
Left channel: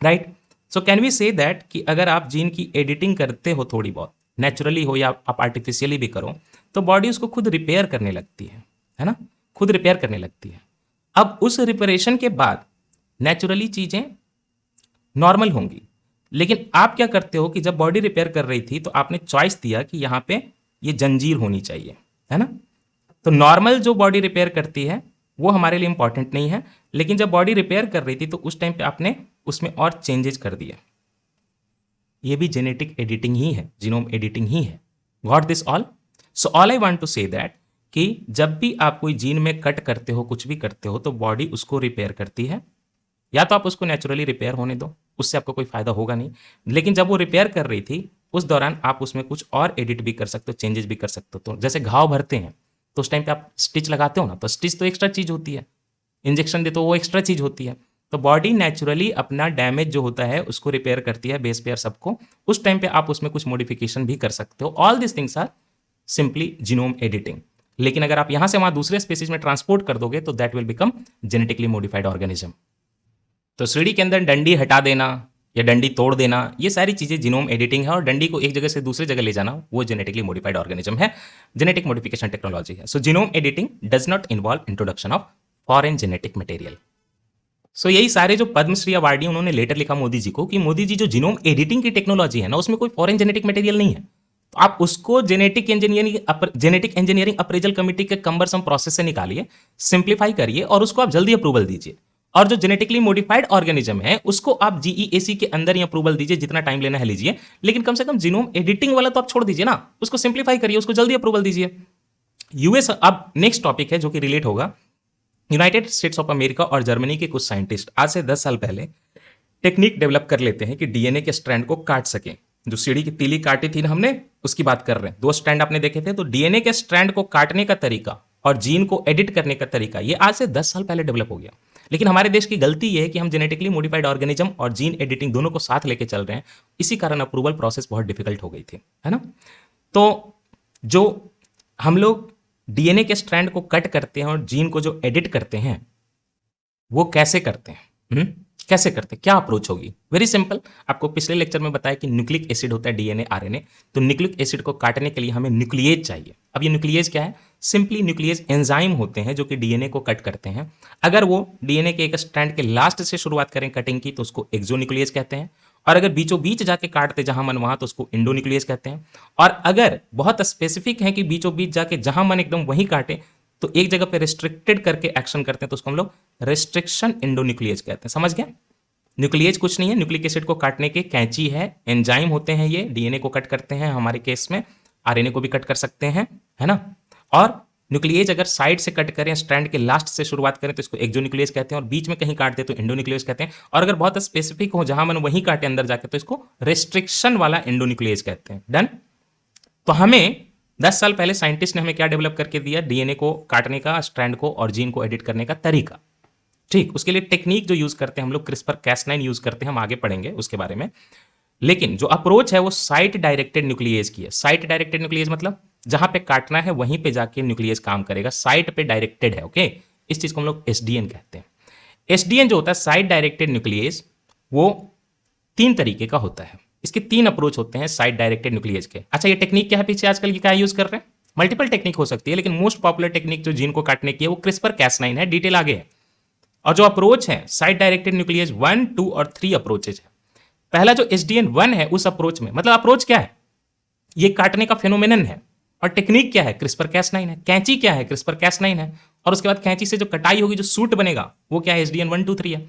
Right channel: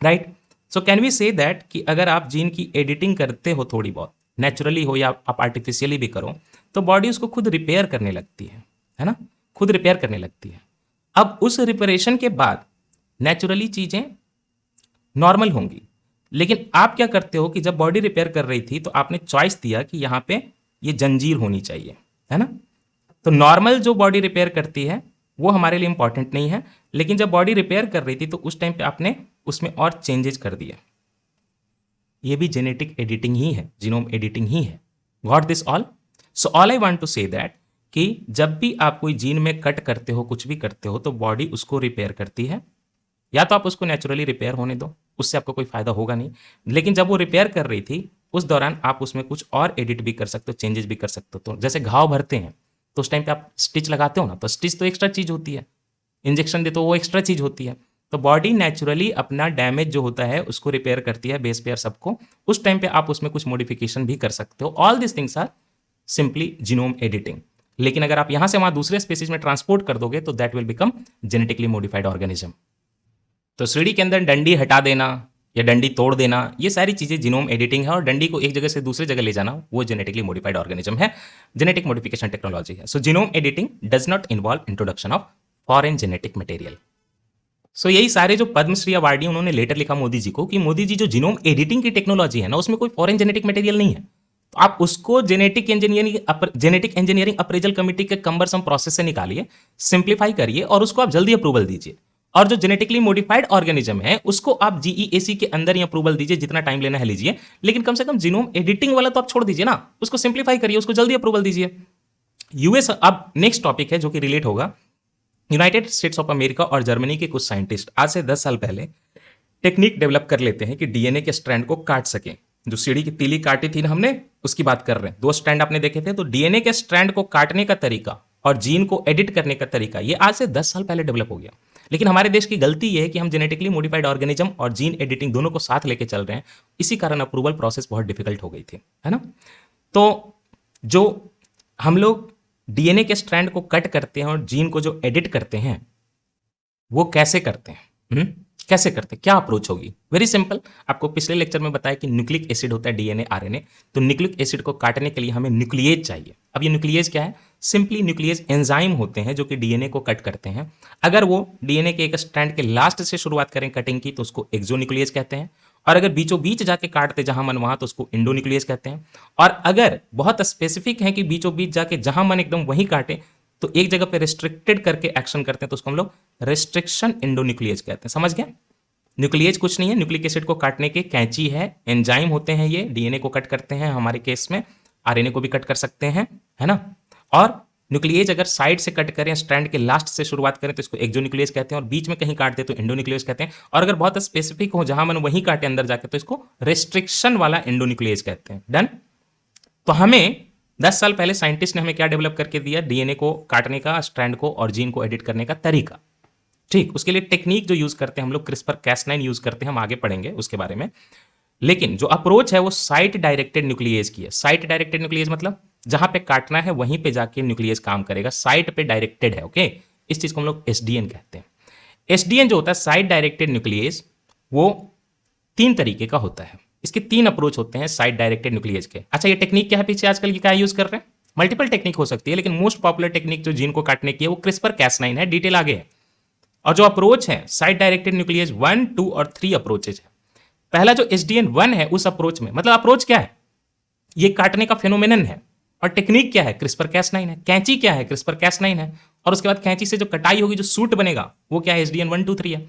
right. So can we say that कि अगर आप जीन की एडिटिंग करते हो थोड़ी बहुत, नेचुरली हो या आप आर्टिफिशियली भी करो, तो बॉडी उसको खुद रिपेयर करने लगती है ना, खुद रिपेयर करने लगती है। अब उस रिपेरेशन के बाद नेचुरली चीजें नॉर्मल होंगी। लेकिन आप क्या करते हो कि जब बॉडी रिपेयर कर रही थी, तो आपने चॉइस दिया कि यहां पे ये जंजीर होनी चाहिए, है ना। तो नॉर्मल जो बॉडी रिपेयर करती है वो हमारे लिए इंपॉर्टेंट नहीं है, लेकिन जब बॉडी रिपेयर कर रही थी तो उस टाइम पे आपने उसमें और चेंजेस कर दिया। ये भी जेनेटिक एडिटिंग ही है, जीनोम एडिटिंग ही है। Got this all? So all I want to say that कि जब भी आप कोई जीन में कट करते हो, कुछ भी करते हो, तो बॉडी उसको रिपेयर करती है। या तो आप उसको नेचुरली रिपेयर होने दो, उससे आपको कोई फायदा होगा नहीं। लेकिन जब वो रिपेयर कर रही थी, उस दौरान आप उसमें कुछ और एडिट भी कर सकते हो, चेंजेस भी कर सकते हो। तो जैसे घाव भरते हैं तो उस टाइम पे आप स्टिच लगाते हो ना, तो स्टिच तो एक्स्ट्रा चीज होती है, इंजेक्शन देते हो वो एक्स्ट्रा चीज होती है। तो बॉडी नेचुरली अपना डैमेज जो होता है उसको रिपेयर करती है, बेस पेयर सबको। उस टाइम पे आप उसमें कुछ मॉडिफिकेशन भी कर सकते हो। All this things are simply genome editing. लेकिन अगर आप यहां से वहां दूसरे स्पीसीज में ट्रांसपोर्ट कर दोगे तो that will become genetically modified organism. तो सीढ़ी के अंदर डंडी हटा देना या डंडी तोड़ देना, ये सारी चीजें जीनोम एडिटिंग है, और डंडी को एक जगह से दूसरी जगह ले जाना वो जेनेटिकली मॉडिफाइड ऑर्गेनिज्म है, जेनेटिक मॉडिफिकेशन टेक्नोलॉजी है। So genome editing does not involve introduction of foreign genetic material. So यही सारे जो पद्मश्री अवार्डी उन्होंने लेटर लिखा मोदी जी को कि मोदी जी जो जीनोम एडिटिंग की टेक्नोलॉजी है ना, उसमें कोई फॉरेन जेनेटिक मटेरियल नहीं है। तो आप उसको जेनेटिक इंजीनियरिंग अप्रेजल कमिटी के कम्बरसम प्रोसेस से निकालिए, सिंप्लीफाई करिए और उसको आप जल्दी अप्रूवल दीजिए। और जो जेनेटिकली मॉडिफाइड ऑर्गेनिज्म है उसको आप जीईएसी के अंदर ही अप्रूवल दीजिए, जितना टाइम लेना है लीजिए, लेकिन कम से कम जीनोम एडिटिंग वाला तो आप छोड़ दीजिए ना, उसको सिंप्लीफाई करिए, उसको जल्दी अप्रूवल दीजिए। यूएस, अब नेक्स्ट टॉपिक है जो कि रिलेट होगा। यूनाइटेड स्टेट्स ऑफ अमेरिका और जर्मनी के कुछ साइंटिस्ट आज से 10 साल पहले टेक्निक डेवलप कर लेते हैं कि डीएनए के स्ट्रैंड को काट सकें। जो सीढ़ी की तीली काटी थी ना हमने, उसकी बात कर रहे हैं, 2 स्ट्रैंड आपने देखे थे। तो डीएनए के स्ट्रैंड को काटने का तरीका और जीन को एडिट करने का तरीका ये आज से 10 साल पहले डेवलप हो गया। लेकिन हमारे देश की गलती ये है कि हम जेनेटिकली मॉडिफाइड ऑर्गेनिज्म और जीन एडिटिंग दोनों को साथ लेके चल रहे हैं। इसी कारण अप्रूवल प्रोसेस बहुत डिफिकल्ट हो गई थी, है ना। तो जो हम लोग डीएनए के स्ट्रैंड को कट करते हैं और जीन को जो एडिट करते हैं वो कैसे करते हैं, कैसे करते हैं, क्या अप्रोच होगी? Very simple. आपको पिछले लेक्चर में बताया कि न्यूक्लिक एसिड होता है डीएनए आरएनए। तो न्यूक्लिक एसिड को काटने के लिए हमें न्यूक्लिएज चाहिए। अब ये न्यूक्लिएज क्या है? सिंपली न्यूक्लिएज एंजाइम होते हैं जो कि डीएनए को कट करते हैं। अगर वो डीएनए के एक स्ट्रैंड के लास्ट से शुरुआत करें कटिंग की तो उसको एक्सोन्यूक्लिएज कहते हैं, और अगर बीचों बीच जाके काटते जहां मन वहां तो उसको इंडोन्यूक्लिएज कहते हैं। और अगर बहुत स्पेसिफिक है कि बीचों बीच जाके जहां मन एकदम वहीं काटे तो एक जगह पे रिस्ट्रिक्टेड करके एक्शन करते हैं तो उसको हम लोग रिस्ट्रिक्शन इंडोन्यूक्लिएज कहते हैं। समझ गया? न्यूक्लिएज कुछ नहीं है, न्यूक्लिक एसिड को काटने के कैंची है, एंजाइम होते हैं ये, डीएनए को कट करते हैं, हमारे केस में आरएनए को भी कट कर सकते हैं, है ना। और न्यूक्लिएज अगर साइड से कट करें, स्ट्रैंड के लास्ट से शुरुआत करें तो इसको एक्सोन्यूक्लिएज कहते हैं, और बीच में कहीं काट दे तो इंडोन्यूक्लिएज कहते हैं, और अगर बहुत स्पेसिफिक हो जहां मन वहीं काटे अंदर जाके तो इसको रेस्ट्रिक्शन वाला इंडोन्यूक्लिएज कहते हैं। डन। तो हमें 10 साल पहले साइंटिस्ट ने हमें क्या डेवलप करके दिया? डीएनए को काटने का, स्ट्रैंड को और जीन को एडिट करने का तरीका। ठीक, उसके लिए टेक्निक जो यूज करते हैं हम लोग क्रिस्पर कैस9 यूज करते हैं, हम आगे पढ़ेंगे उसके बारे में। लेकिन जो अप्रोच है वो साइट डायरेक्टेड न्यूक्लिएज की है। साइट डायरेक्टेड न्यूक्लिएज मतलब जहां पे काटना है वहीं पे जाके न्यूक्लिएज काम करेगा, साइट पे डायरेक्टेड है। ओके, इस चीज को हम लोग एसडीएन कहते हैं। एसडीएन जो होता है साइट डायरेक्टेड न्यूक्लिएज, वो 3 तरीके का होता है। इसके 3 अप्रोच होते हैं साइट डायरेक्टेड न्यूक्लिएज के। अच्छा, ये टेक्निक क्या है पीछे आजकल की क्या यूज कर रहे हैं? मल्टीपल टेक्निक हो सकती है, लेकिन मोस्ट पॉपुलर टेक्निक जो जीन को काटने की है वो क्रिस्पर कैस9 है। डिटेल आगे है। और जो अप्रोच है साइट डायरेक्टेड न्यूक्लिएज 1, 2 और 3 अप्रोचेज है। पहला जो SDN1 है उस अप्रोच में, मतलब अप्रोच क्या है? ये काटने का फेनोमेनन है। और टेक्निक क्या है? क्रिस्पर कैस9 है। कैंची क्या है? क्रिस्पर कैस9 है। और उसके बाद कैंची से जो कटाई होगी, जो सूट बनेगा, वो क्या है? SDN1, 2, 3 है।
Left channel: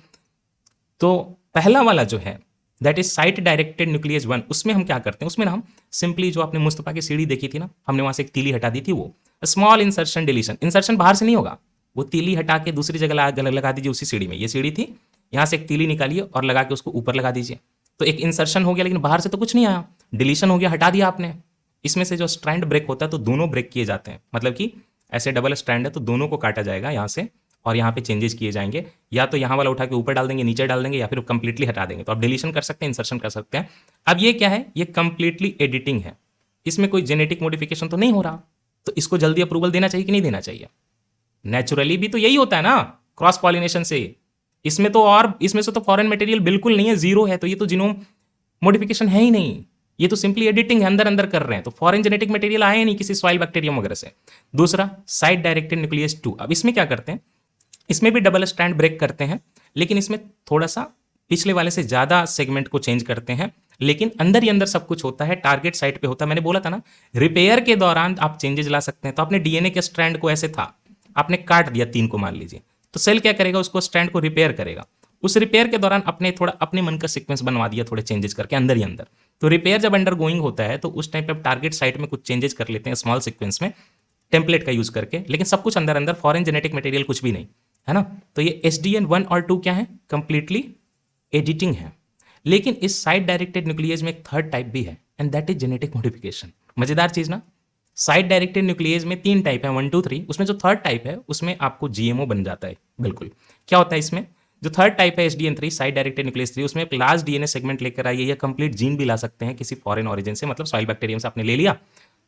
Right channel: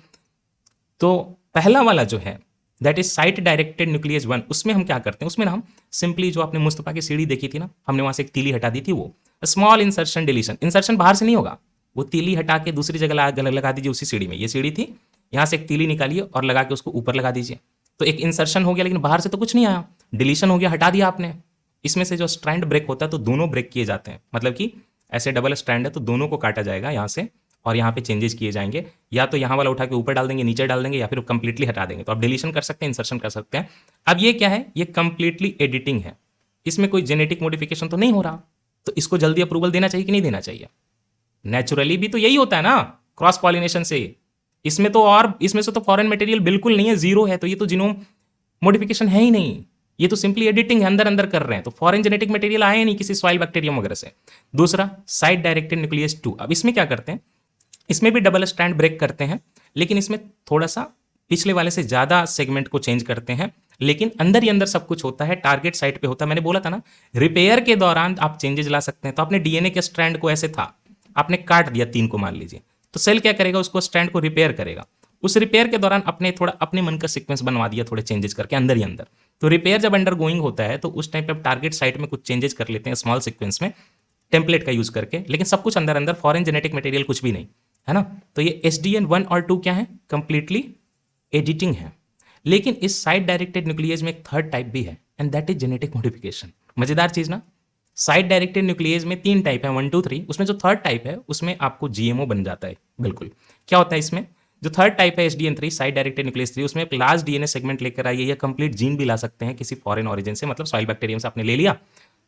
तो पहला वाला जो है that is site directed nuclease 1, उसमें हम क्या करते हैं? उसमें हम सिंपली जो आपने मुस्तफा की सीढ़ी देखी थी ना, हमने वहां से एक तीली हटा दी थी, वो स्मॉल इंसर्शन डिलीशन। इंसर्शन बाहर से नहीं होगा, वो तीली हटा के दूसरी जगह लगा दीजिए उसी सीढ़ी में। ये सीढ़ी थी, यहां से एक तीली निकालिए और लगा के उसको ऊपर लगा दीजिए। तो एक इंसर्शन हो गया, लेकिन बाहर से तो कुछ नहीं आया, डिलीशन हो गया, हटा दिया आपने। इसमें से जो स्ट्रैंड ब्रेक होता है तो दोनों ब्रेक किए जाते हैं, मतलब कि ऐसे डबल स्ट्रैंड है तो दोनों को काटा जाएगा यहाँ से, और यहाँ पे चेंजेस किए जाएंगे। या तो यहाँ वाला उठा के ऊपर डाल देंगे, नीचे डाल देंगे, या फिर कंप्लीटली हटा देंगे। तो आप डिलीशन कर सकते हैं, इंसर्शन कर सकते हैं। अब ये क्या है? ये कंप्लीटली एडिटिंग है, इसमें कोई जेनेटिक मॉडिफिकेशन तो नहीं हो रहा। तो इसको जल्दी अप्रूवल देना चाहिए कि नहीं देना चाहिए? नेचुरली भी तो यही होता है ना, क्रॉस पॉलिनेशन से। इसमें तो, और इसमें से तो फॉरेन मटेरियल बिल्कुल नहीं है, जीरो है। तो ये तो जीनोम मॉडिफिकेशन है ही नहीं, ये तो सिंपली एडिटिंग है, अंदर अंदर कर रहे हैं। तो फॉरेन जेनेटिक मटेरियल आए नहीं किसी सॉइल बैक्टीरियम वगैरह से। दूसरा साइट डायरेक्टेड न्यूक्लियस 2। अब इसमें क्या करते हैं? इसमें भी डबल स्ट्रैंड ब्रेक करते हैं, लेकिन इसमें थोड़ा सा पिछले वाले से ज्यादा सेगमेंट को चेंज करते हैं, लेकिन अंदर ही अंदर सब कुछ होता है, टारगेट साइट पे होता है। मैंने बोला था ना, रिपेयर के दौरान आप चेंजेस ला सकते हैं। तो आपने डीएनए के स्ट्रैंड को ऐसे था, आपने काट दिया 3 को मान लीजिए, तो सेल क्या करेगा? उसको स्ट्रैंड को रिपेयर करेगा। उस रिपेयर के दौरान अपने थोड़ा अपने मन का सीक्वेंस बनवा दिया, थोड़े चेंजेस करके अंदर ही अंदर। तो रिपेयर जब अंडर गोइंग होता है तो उस टाइम पे आप टारगेट साइट में कुछ चेंजेस कर लेते हैं स्मॉल सीक्वेंस में, टेम्पलेट का यूज करके, लेकिन सब कुछ अंदर अंदर, फॉरेन जेनेटिक मटेरियल कुछ भी नहीं, है ना। तो ये SDN1 और 2 क्या है? कंप्लीटली एडिटिंग है। लेकिन इस साइट डायरेक्टेड न्यूक्लियस में एक थर्ड टाइप भी है, and that is genetic modification. मजेदार चीज ना। साइट डायरेक्टेड न्यूक्लियस में 3 टाइप है, 1, 2, 3। उसमें जो थर्ड टाइप है उसमें आपको GMO बन जाता है। बिल्कुल, क्या होता है इसमें? जो थर्ड टाइप है SDN3 साइट डायरेक्टेड न्यूक्लियस 3, उसमें एक लार्ज डीएनए सेगमेंट लेकर आइए, या कंप्लीट जीन भी ला सकते हैं किसी फॉरेन ओरिजिन से, मतलब सॉइल बैक्टीरियम से आपने ले लिया।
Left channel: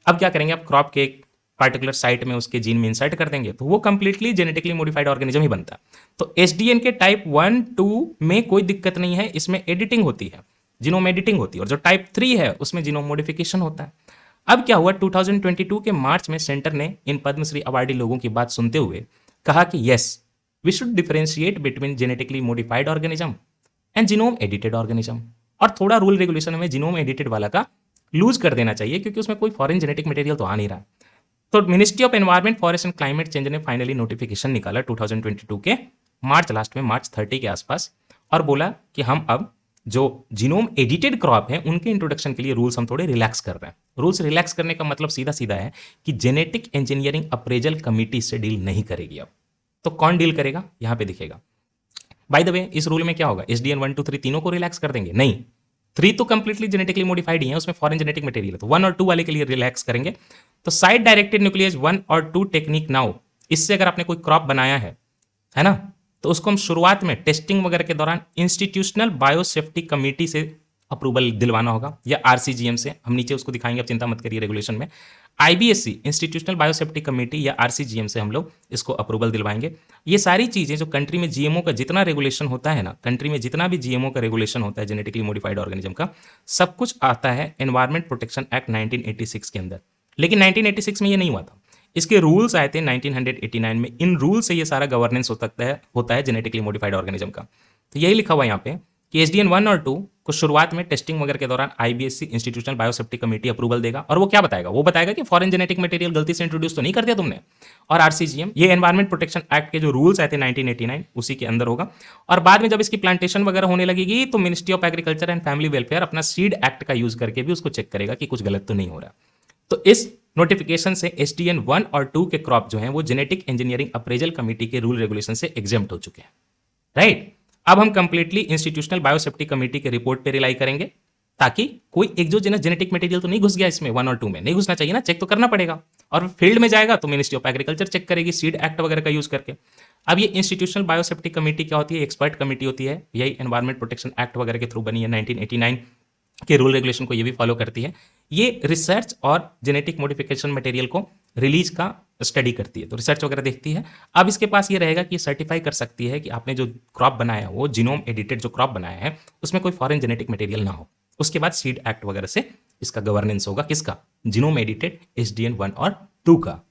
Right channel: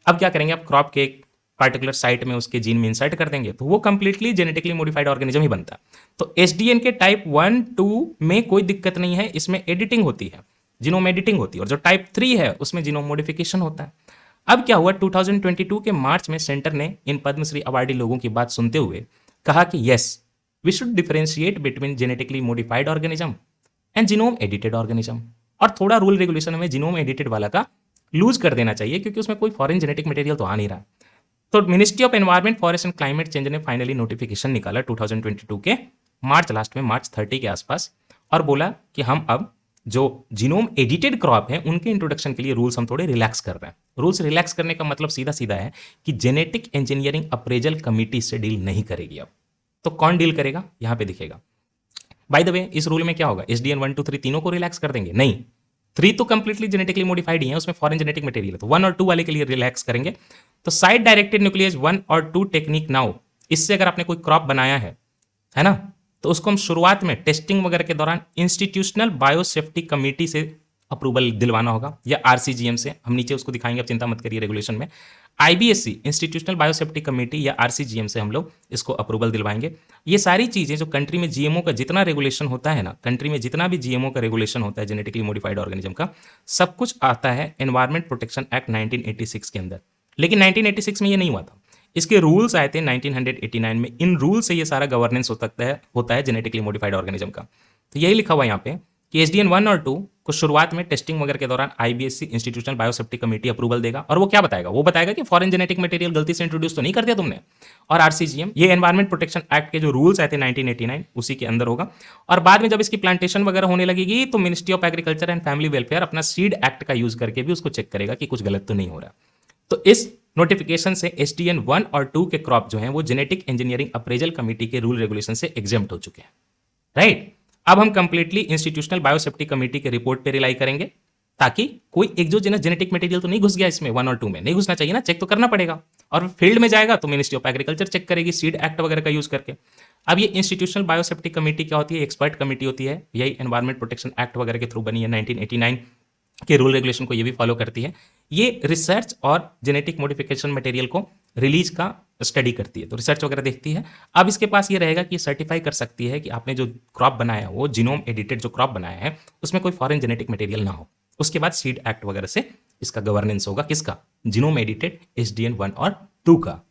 अब क्या करेंगे? आप क्रॉप के एक पार्टिकुलर साइट में उसके जीन में इंसर्ट कर देंगे, तो वो कंप्लीटली जेनेटिकली मॉडिफाइड ऑर्गेनिज्म ही बनता है। तो SDN के टाइप 1, 2 में कोई दिक्कत नहीं है, इसमें एडिटिंग होती है, जीनोम एडिटिंग होती है। और जो टाइप 3 है उसमें जीनोम मॉडिफिकेशन होता है। अब क्या हुआ? 2022 के मार्च में सेंटर ने इन पद्मश्री अवार्डी लोगों की बात सुनते हुए कहा कि yes, we should differentiate between genetically modified organism and genome edited organism. और थोड़ा रूल रेगुलेशन में जीनोम एडिटेड वाला का लूज कर देना चाहिए, क्योंकि उसमें कोई फॉरेन जेनेटिक मटेरियल तो आ नहीं रहा। तो ministry of environment, forest and climate change ने फाइनली नोटिफिकेशन निकाला 2022 के मार्च लास्ट में, मार्च 30 के आसपास, और बोला कि हम अब जो जीनोम एडिटेड क्रॉप है उनके इंट्रोडक्शन के लिए रूल्स हम थोड़े रिलैक्स कर रहे हैं। रूल्स रिलैक्स करने का मतलब सीधा सीधा है कि जेनेटिक इंजीनियरिंग अप्रेजल कमिटी से डील नहीं करेगी अब। तो कौन डील करेगा, यहां पे दिखेगा। बाय द वे, इस रूल में क्या होगा, SDN 1 2 3 तीनों को रिलैक्स कर देंगे? नहीं, 3 तो कंप्लीटली जेनेटिकली मॉडिफाइड ही है, उसमें फॉरेन जेनेटिक मटेरियल है, तो 1 और 2 वाले के लिए रिलैक्स करेंगे। तो साइड डायरेक्टेड न्यूक्लियस 1 और 2 टेक्निक नाउ, इससे अगर आपने कोई क्रॉप बनाया है ना, तो उसको हम शुरुआत में टेस्टिंग वगैरह के दौरान इंस्टीट्यूशनल बायोसेफ्टी कमेटी से अप्रूवल दिलवाना होगा, या RCGM से, हम नीचे उसको दिखाएंगे, चिंता मत करिए रेगुलेशन में। IBSC इंस्टीट्यूशनल बायोसेफ्टी कमेटी या RCGM से हम लोग इसको अप्रूवल दिलवाएंगे। ये सारी चीजें जो कंट्री में GMO का जितना रेगुलेशन होता है ना, कंट्री में जितना भी GMO का रेगुलेशन होता है जेनेटिकली मॉडिफाइड ऑर्गेनिज्म का, सब कुछ आता है एनवायरमेंट प्रोटेक्शन एक्ट 1986 के अंदर। लेकिन 1986 में ये नहीं हुआ था, इसके रूल्स आए थे 1989 में। इन रूल से ये सारा गवर्नेंस होता है जेनेटिकली मॉडिफाइड ऑर्गेनिज्म का। तो यही लिखा हुआ है यहाँ पे कि SDN 1 और 2 को शुरुआत में टेस्टिंग वगैरह के दौरान IBSC institutional biosafety committee approval देगा, और वो क्या बताएगा, वो बताएगा कि फॉरेन जेनेटिक मटेरियल गलती से इंट्रोड्यूस तो नहीं कर दिया तुमने। और RCGM ये एनवायरमेंट प्रोटेक्शन एक्ट के जो रूल्स आए थे 1989 उसी के अंदर होगा। और बाद में जब इसकी प्लांटेशन वगैरह होने लगेगी तो ministry of agriculture and family welfare अपना सीड एक्ट का यूज करके भी उसको चेक करेगा कि कुछ गलत तो नहीं हो रहा। तो इस नोटिफिकेशन से SDN 1 और 2 के क्रॉप जो हैं वो जेनेटिक इंजीनियरिंग अप्रेजल कमेटी के रूल रेगुलेशन से एग्जेम्प्ट हो चुके हैं, राइट। अब हम कंप्लीटली इंस्टीट्यूशनल बायोसेफ्टी कमेटी के रिपोर्ट पे रिलाई करेंगे, ताकि कोई एक्सोजेनस जेनेटिक मटेरियल तो नहीं घुस गया इसमें, 1 और 2 में नहीं घुसना चाहिए ना, चेक तो करना पड़ेगा। और फील्ड में जाएगा तो मिनिस्ट्री ऑफ एग्रीकल्चर चेक करेगी सीड एक्ट वगैरह का यूज करके। अब ये इंस्टीट्यूशनल बायोसेफ्टी कमेटी क्या होती है, एक्सपर्ट कमेटी होती है, यही एनवायरमेंट प्रोटेक्शन एक्ट वगैरह के थ्रू बनी है, 1989 के रूल रेगुलेशन को ये भी फॉलो करती है। ये रिसर्च और जेनेटिक मॉडिफिकेशन मटेरियल को रिलीज का स्टडी करती है, तो रिसर्च वगैरह देखती है। अब इसके पास ये रहेगा कि ये सर्टिफाई कर सकती है कि आपने जो क्रॉप बनाया वो जीनोम एडिटेड जो क्रॉप बनाया है उसमें कोई फॉरेन जेनेटिक मटेरियल ना हो। उसके बाद सीड एक्ट वगैरह से इसका गवर्नेंस होगा, किसका, जीनोम एडिटेड SDN 1 और 2 का।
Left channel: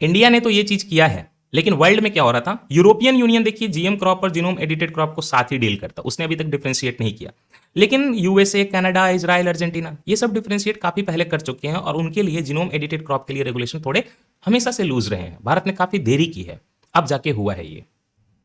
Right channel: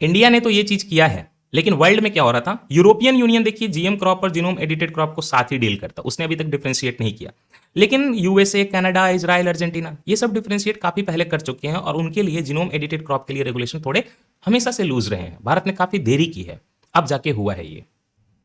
इंडिया ने तो ये चीज किया है, लेकिन वर्ल्ड में क्या हो रहा था, यूरोपियन यूनियन देखिए GM क्रॉप और जीनोम एडिटेड क्रॉप को साथ ही डील करता, उसने अभी तक डिफरेंशिएट नहीं किया। लेकिन USA, कनाडा, इजराइल, अर्जेंटीना ये सब डिफरेंशिएट काफी पहले कर चुके हैं, और उनके लिए जीनोम एडिटेड क्रॉप के लिए रेगुलेशन थोड़े हमेशा से लूज रहे हैं। भारत ने काफी देरी की है, अब जाके हुआ है ये।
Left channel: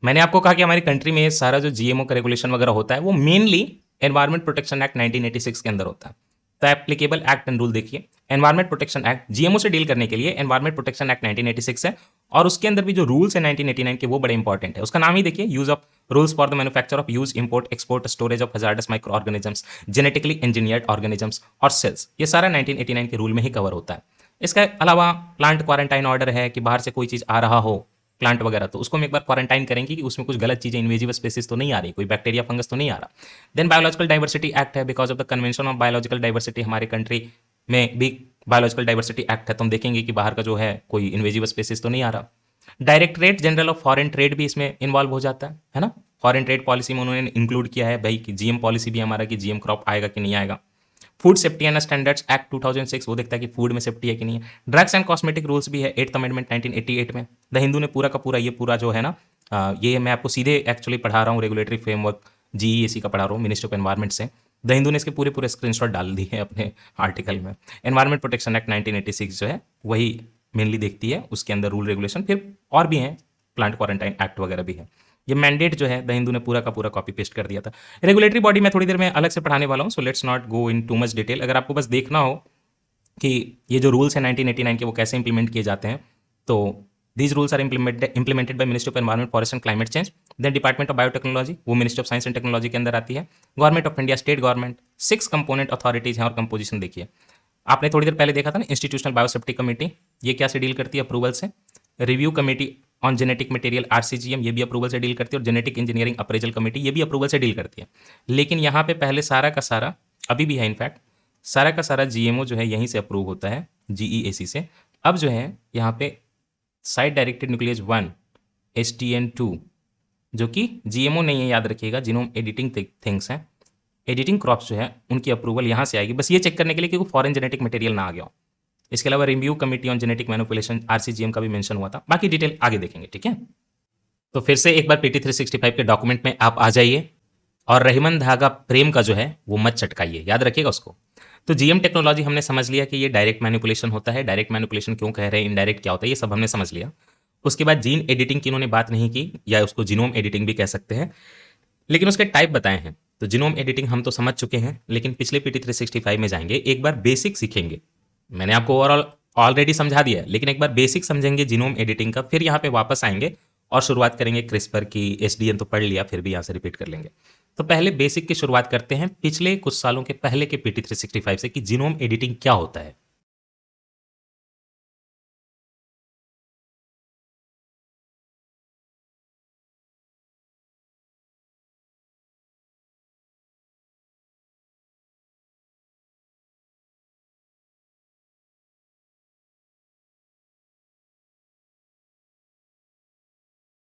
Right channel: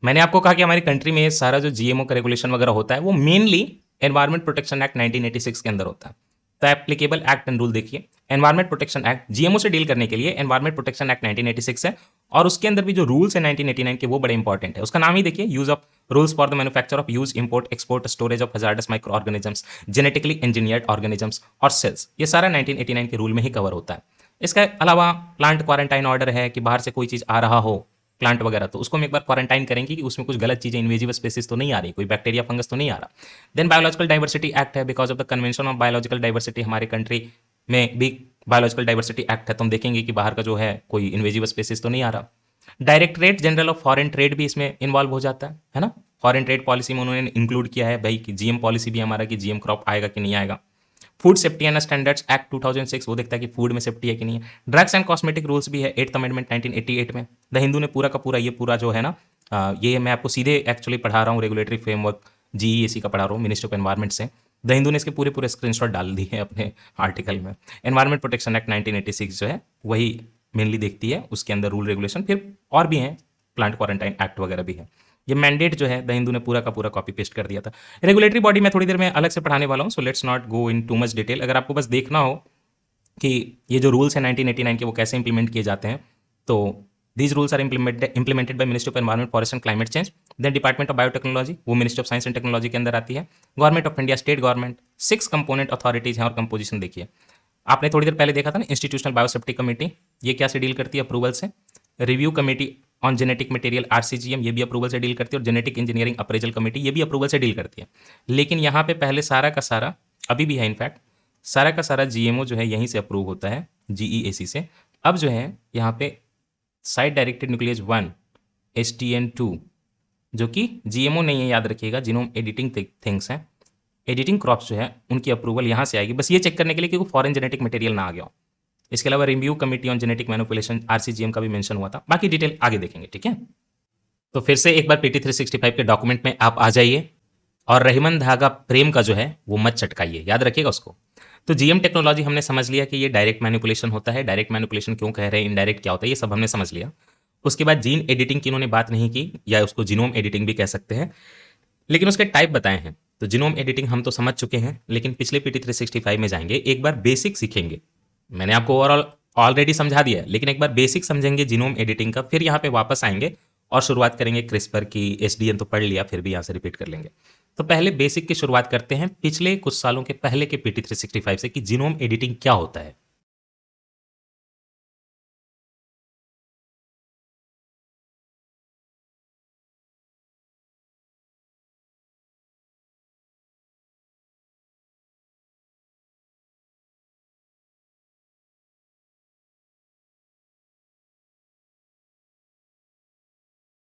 मैंने आपको कहा कि हमारी कंट्री में सारा जो GMO का रेगुलेशन वगैरह होता है वो मेनली एनवायरमेंट प्रोटेक्शन एक्ट 1986 के अंदर होता है। तो एप्लीकेबल एक्ट एंड रूल देखिए, एनवायरमेंट प्रोटेक्शन एक्ट GMO से डील करने के लिए एनवायरमेंट प्रोटेक्शन एक्ट 1986 है, और उसके अंदर भी जो रूल्स है 1989 के वो बड़े इंपॉर्टेंट है। उसका नाम ही देखिए, use of rules for the manufacture of, use, import, export, storage of hazardous micro organisms, genetically engineered organisms और सेल्स, ये सारा 1989 के रूल में ही कवर होता है। इसके अलावा प्लांट क्वारंटाइन ऑर्डर है कि बाहर से कोई चीज आ रहा हो प्लांट वगैरह, तो उसको हम एक बार क्वारंटाइन करेंगे कि उसमें कुछ गलत चीजें, इन्वेजिव स्पेसिस तो नहीं आ रही, कोई बैक्टीरिया फंगस तो नहीं आ रहा। देन बायोलॉजिकल डाइवर्सिटी एक्ट है, because of the convention of biological diversity हमारे कंट्री में भी बायोलॉजिकल डाइवर्सिटी एक्ट है, तो हम देखेंगे कि बाहर का जो है कोई इन्वेजिव स्पेसिस तो नहीं आ रहा। Directorate general of foreign trade भी इसमें इन्वॉल्व हो जाता है ना, फॉरेन ट्रेड पॉलिसी में उन्होंने इंक्लूड किया है भाई कि GM पॉलिसी भी हमारा कि GM क्रॉप आएगा कि नहीं आएगा। Food safety and standards act 2006 वो देखता है कि फूड में सेफ्टी है कि नहीं है। ड्रग्स एंड कॉस्मेटिक रूल्स भी है 8th अमेंडमेंट 1988 में। द हिंदू ने पूरा का पूरा ये पूरा जो है ना, ये मैं आपको सीधे एक्चुअली पढ़ा रहा हूँ, रेगुलेटरी फ्रेमवर्क GEAC का पढ़ा रहा हूँ मिनिस्ट्री ऑफ एनवायरमेंट से। द हिंदू ने इसके पूरे पूरे स्क्रीनशॉट डाल दिए हैं अपने आर्टिकल में। एनवायरमेंट प्रोटेक्शन एक्ट 1986 जो है वही मेनली देखती है, उसके अंदर रूल रेगुलेशन फिर और भी हैं, प्लांट क्वारंटाइन एक्ट वगैरह भी है। ये मैंडेट जो है द हिंदू ने पूरा का पूरा कॉपी पेस्ट कर दिया था। रेगुलेटरी बॉडी में थोड़ी देर में अलग से पढ़ाने वाला हूँ, so let's not go in too much detail. अगर आपको बस देखना हो कि ये जो रूल्स हैं 1989 के वो कैसे इंप्लीमेंट किए जाते हैं, तो these rules are implemented by ministry of environment, forest and climate change. Then department of biotechnology, वो ministry of science and technology के अंदर आती है। Government of India, state government, 6 component authorities हैं, और कंपोजिशन देखिए। आपने थोड़ी देर पहले देखा था ना इंस्टीट्यूशनल बायोसेफ्टी कमेटी, ये क्या से डील करती है, अप्रूवल से। Review committee on genetic material RCGM, ये भी अप्रूवल से डील करती है, और जेनेटिक इंजीनियरिंग अप्रेजल कमेटी ये भी अप्रूवल से डील करती है। लेकिन यहाँ पे पहले सारे का सारे, अभी भी यहाँ पर सारे का सारे GMO जो है यहीं से अप्रूव होते हैं, GEAC से। अब जो है यहाँ पे साइड डायरेक्टेड न्यूक्लियस 1 STN 2 जो कि GMO नहीं है, याद रखिएगा, जीनोम एडिटिंग थिंग्स हैं, एडिटिंग क्रॉप्स जो है उनकी अप्रूवल यहाँ से आएगी, बस ये चेक करने के लिए कि फॉरेन जेनेटिक मटेरियल ना आ गया। इसके अलावा review committee on genetic manipulation RCGM का भी मेंशन हुआ था, बाकी डिटेल आगे देखेंगे, ठीक है। तो फिर से एक बार PT 365 के डॉक्यूमेंट में आप आ जाइए, और रहीमन धागा प्रेम का जो है वो मत चटकाइए, याद रखिएगा उसको। तो जीएम टेक्नोलॉजी हमने समझ लिया कि ये डायरेक्ट मैनिपुलेशन होता है। डायरेक्ट मैनिपुलेशन क्यों कह रहे हैं, इनडायरेक्ट क्या होता है, ये सब हमने समझ लिया। उसके बाद जीन एडिटिंग की इन्होंने बात नहीं की, या उसको जीनोम एडिटिंग भी कह सकते हैं, लेकिन उसके टाइप बताए हैं। तो जीनोम एडिटिंग हम तो समझ चुके हैं, लेकिन पिछले पीटी 365 में जाएंगे, एक बार बेसिक सीखेंगे। मैंने आपको ओवरऑल ऑलरेडी समझा दिया है, लेकिन एक बार बेसिक समझेंगे जीनोम एडिटिंग का, फिर यहाँ पे वापस आएंगे और शुरुआत करेंगे क्रिस्पर की। एसडीएन तो पढ़ लिया, फिर भी यहाँ से रिपीट कर लेंगे। तो पहले बेसिक की शुरुआत करते हैं पिछले कुछ सालों के पहले के पीटी 365 से कि जीनोम एडिटिंग क्या होता है।